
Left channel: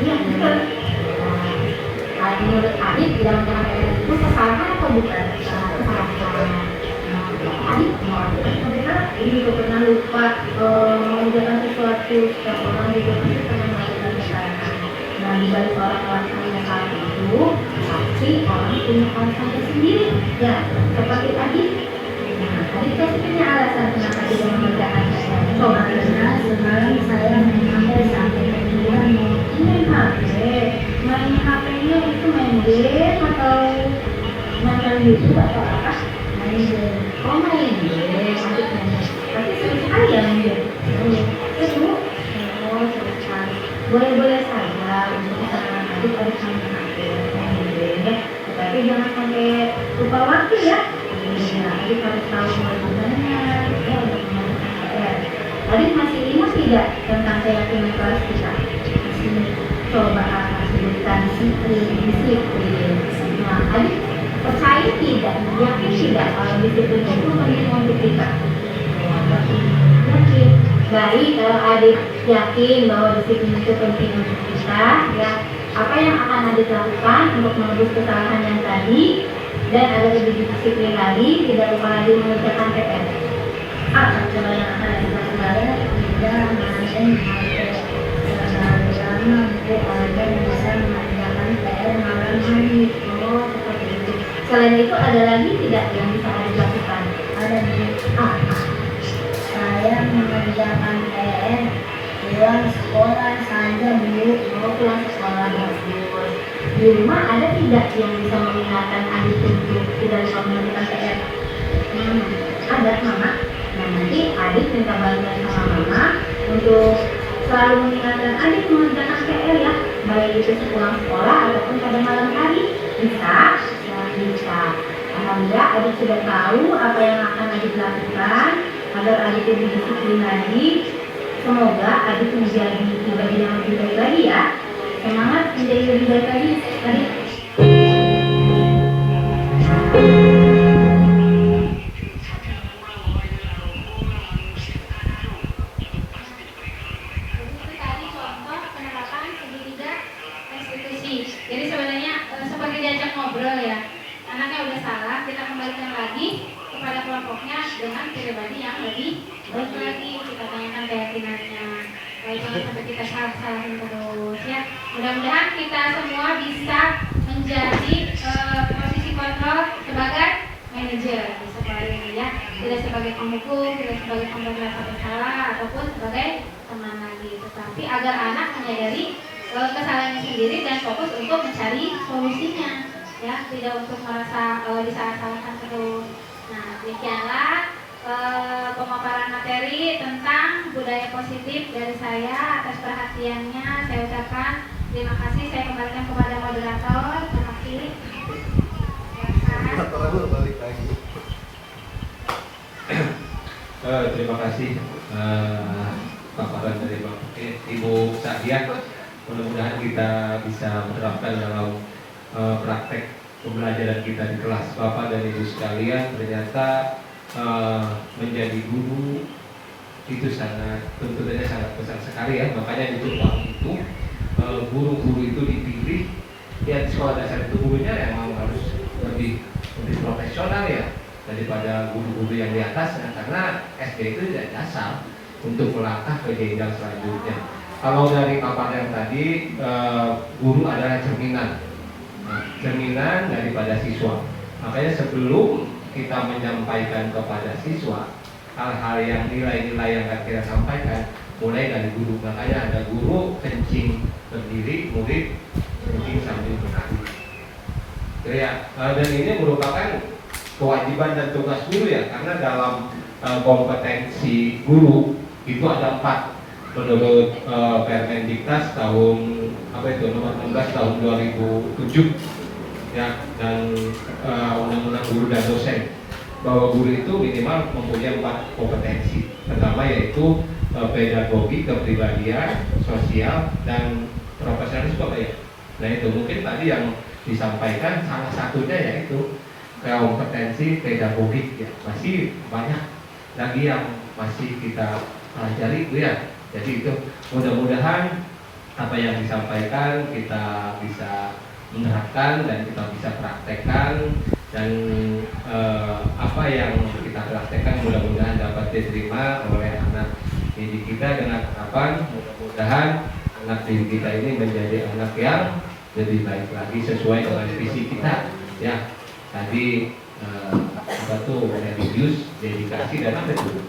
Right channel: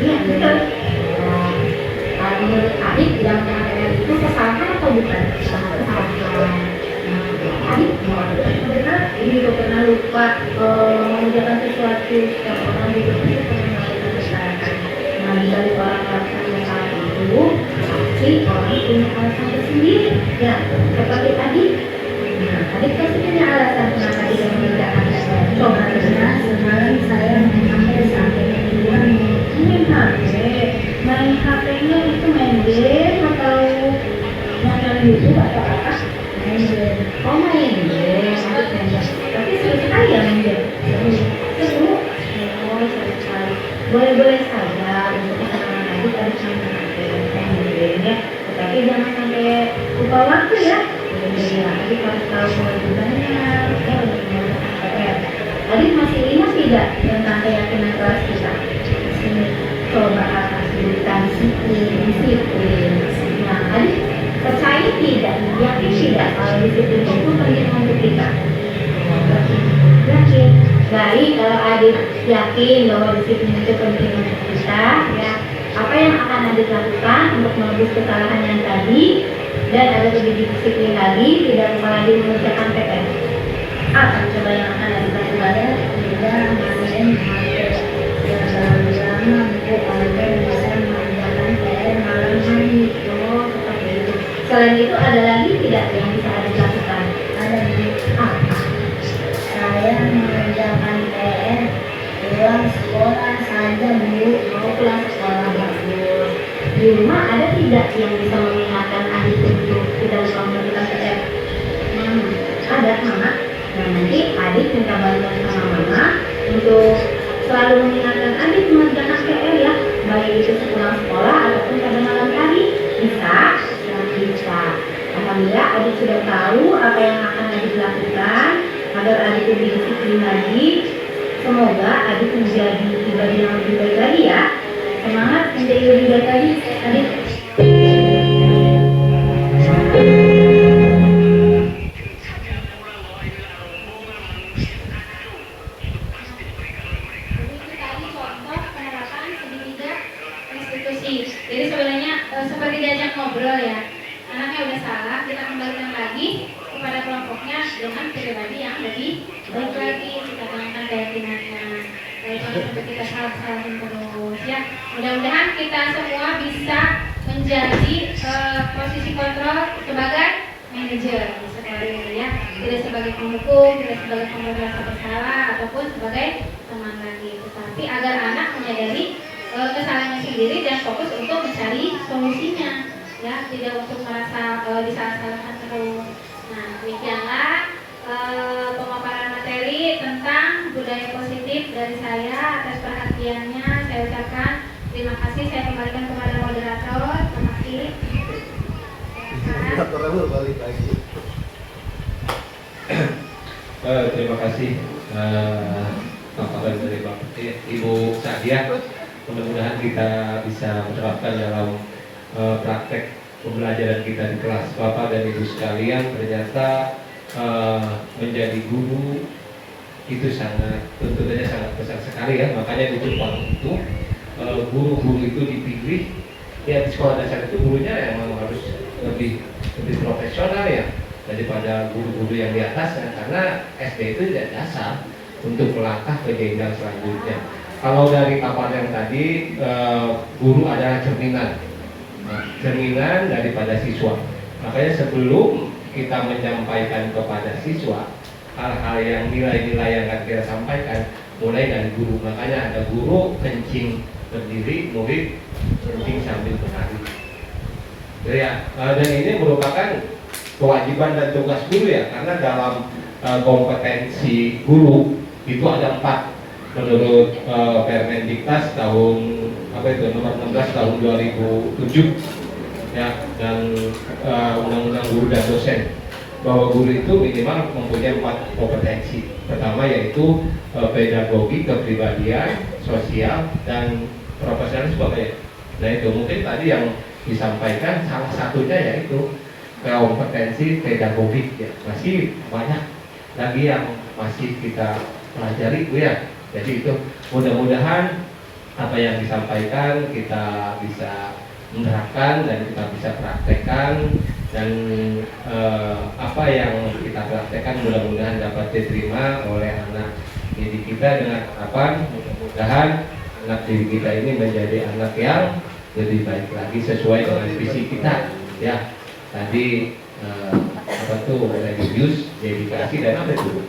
Iya, betul. Menurut Adik tidak mengerjakan PR itu kesalahan atau bukan? Kesalahan. Adik benar ini udah pernah lupa mengerjakan sesuatu yang orang di rumah itu pernah melakukan kesalahan. Nah, dari orang melakukan hal itu pasti orang punya alasan tersendiri ya, seperti tadi. Nah, tadi pasti punya alasan kenapa tidak mengerjakan PR. Coba karena semalam saya main HP sampai dia main HP. Main HP-nya itu main game atau nonton YouTube atau apa? Main game. Oh, main game. Tapi seru sekali ya main game. Seru. Oh, seru sekali. Boleh-boleh saja untuk kesalahan tadi pada main game ya. Tetapi jangan sampai lupa waktu ya. Ya, jadi harus tahu teman-temannya ya untuk mengerjakan PR. Tadi masih ingat tidak tentang keyakinan kelas kita? Sini coba akan sebutkan disiplin. Nah, tadi percaya tidak, yakin tidak kalau disiplin itu penting untuk kita? Yakin. Baik, kalau Adik yakin bahwa disiplin itu penting untuk kita, ya apa yang akan Adik lakukan untuk menebus kesalahan yang tadi dan ada lebih disiplin lagi, tidak lupa lagi mengerjakan PR? Apa coba yang akan Adik lakukan? Tidak main HP. Sama buku oleh bisa mengerjakan PR malam hari. Oh, seperti itu. Selain itu ada lagi tidak yang bisa Adik lakukan? Ada nih. Saya mengerjakan PR pulang sekolah saja Bu. Mau pulang sekolah bagus. Di rumah ada tidak yang bisa mengingatkan Adik untuk tidak lupa mengerjakan PR? Ada Mama. Nah, nanti Adik minta bantuan sama Mama untuk selalu mengingatkan Adik mengerjakan PR ya, baik itu sepulang sekolah ataupun pada malam hari. Bisa? Bisa. Alhamdulillah Adik sudah tahu apa yang akan Adik lakukan agar Adik lebih disiplin lagi. Semoga Adik menjadi pribadi yang lebih baik lagi ya. Semangat menjadi lebih baik lagi. Adik. Jadi sebenarnya seperti diajak ngobrol ya, anaknya udah salah, kita kembalikan lagi kepada kelompoknya dengan pribadi yang lebih baik lagi. Kita tanyakan keyakinannya, jangan sampai kita salah-salahin terus ya. Mudah-mudahan kita semua bisa menjadi posisi kontrol sebagai manajer seperti ini ya, tidak sebagai penghukum, tidak sebagai pemberi rasa bersalah ataupun sebagai teman lagi, tetapi agar anak menyadari kesalahannya sendiri dan fokus untuk mencari solusinya ya, tidak untuk merasa disalah-salahkan terus. Nah, demikianlah pemaparan materi tentang budaya positif dari saya. Atas perhatiannya saya ucapkan terima kasih. Saya kembalikan kepada moderator. Terima kasih. Terima kasih paparan dari Ibu Sadiah. Mudah-mudahan kita bisa menerapkan dalam praktek pembelajaran kita di kelas. Bapak dan Ibu sekalian, ternyata menjadi guru itu tentu saja sangat besar sekali ya. Makanya di Jepang itu guru-guru itu dipilih ya, di sekolah dasar itu gurunya memang harus lebih profesional ya daripada guru-guru yang di atasnya, karena SD itu tidak dasar untuk melangkah ke jenjang selanjutnya. Kalau dari paparan tadi, guru adalah cerminan daripada siswa. Makanya sebelum kita menyampaikan kepada siswa hal-hal yang nilai-nilai yang akan kita sampaikan, mulai dari guru. Makanya ada guru kencing berdiri, murid kencing sambil menari. Ya, dan ini merupakan kewajiban dan tugas guru ya, karena dalam kompetensi guru itu ada 4 menurut Permendiknas tahun nomor 16 tahun 2007 ya, dan Undang-Undang Guru dan Dosen, bahwa guru itu minimal mempunyai 4 kompetensi. Pertama yaitu pedagogi, kepribadian, sosial, dan profesionalisme ya. Nah itu mungkin tadi yang disampaikan salah satunya yaitu kompetensi pedagogik ya. Masih banyak lagi yang masih kita pelajari Bu ya. Jadi itu mudah-mudahan apa yang disampaikan kita bisa menerapkan dan kita bisa praktekkan, dan apa yang kita praktekkan mudah-mudahan dapat diterima oleh anak didik kita dengan harapan mudah-mudahan anak didik kita ini menjadi anak yang lebih baik lagi sesuai dengan visi kita ya. Tadi apa tuh religius, dedikasi dan apa itu?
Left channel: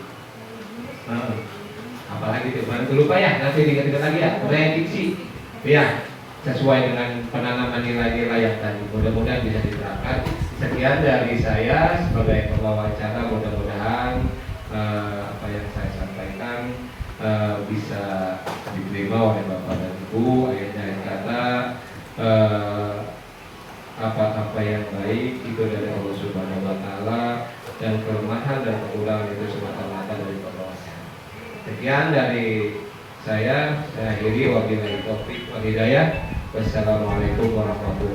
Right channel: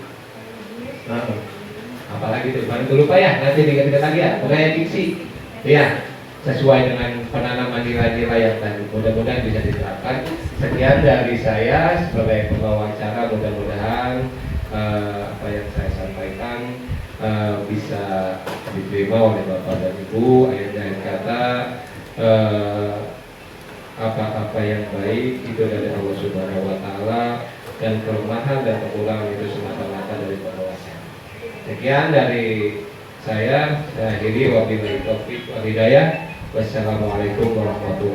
Apalagi itu baru lupa ya, nanti diingat lagi ya. Prediksi ya, sesuai dengan penanaman nilai-nilai yang tadi. Mudah-mudahan bisa diterapkan. Sekian dari saya sebagai pembawa acara. Mudah-mudahan apa yang saya sampaikan bisa diterima oleh Bapak dan Ibu. Akhir kata apa-apa yang baik itu dari Allah Subhanahu wa Ta'ala, dan kelemahan dan kekurangan itu semata-mata dari penguasa. Sekian dari saya akhiri, wabillahi taufiq wal hidayah. Wassalamualaikum warahmatullahi wabarakatuh.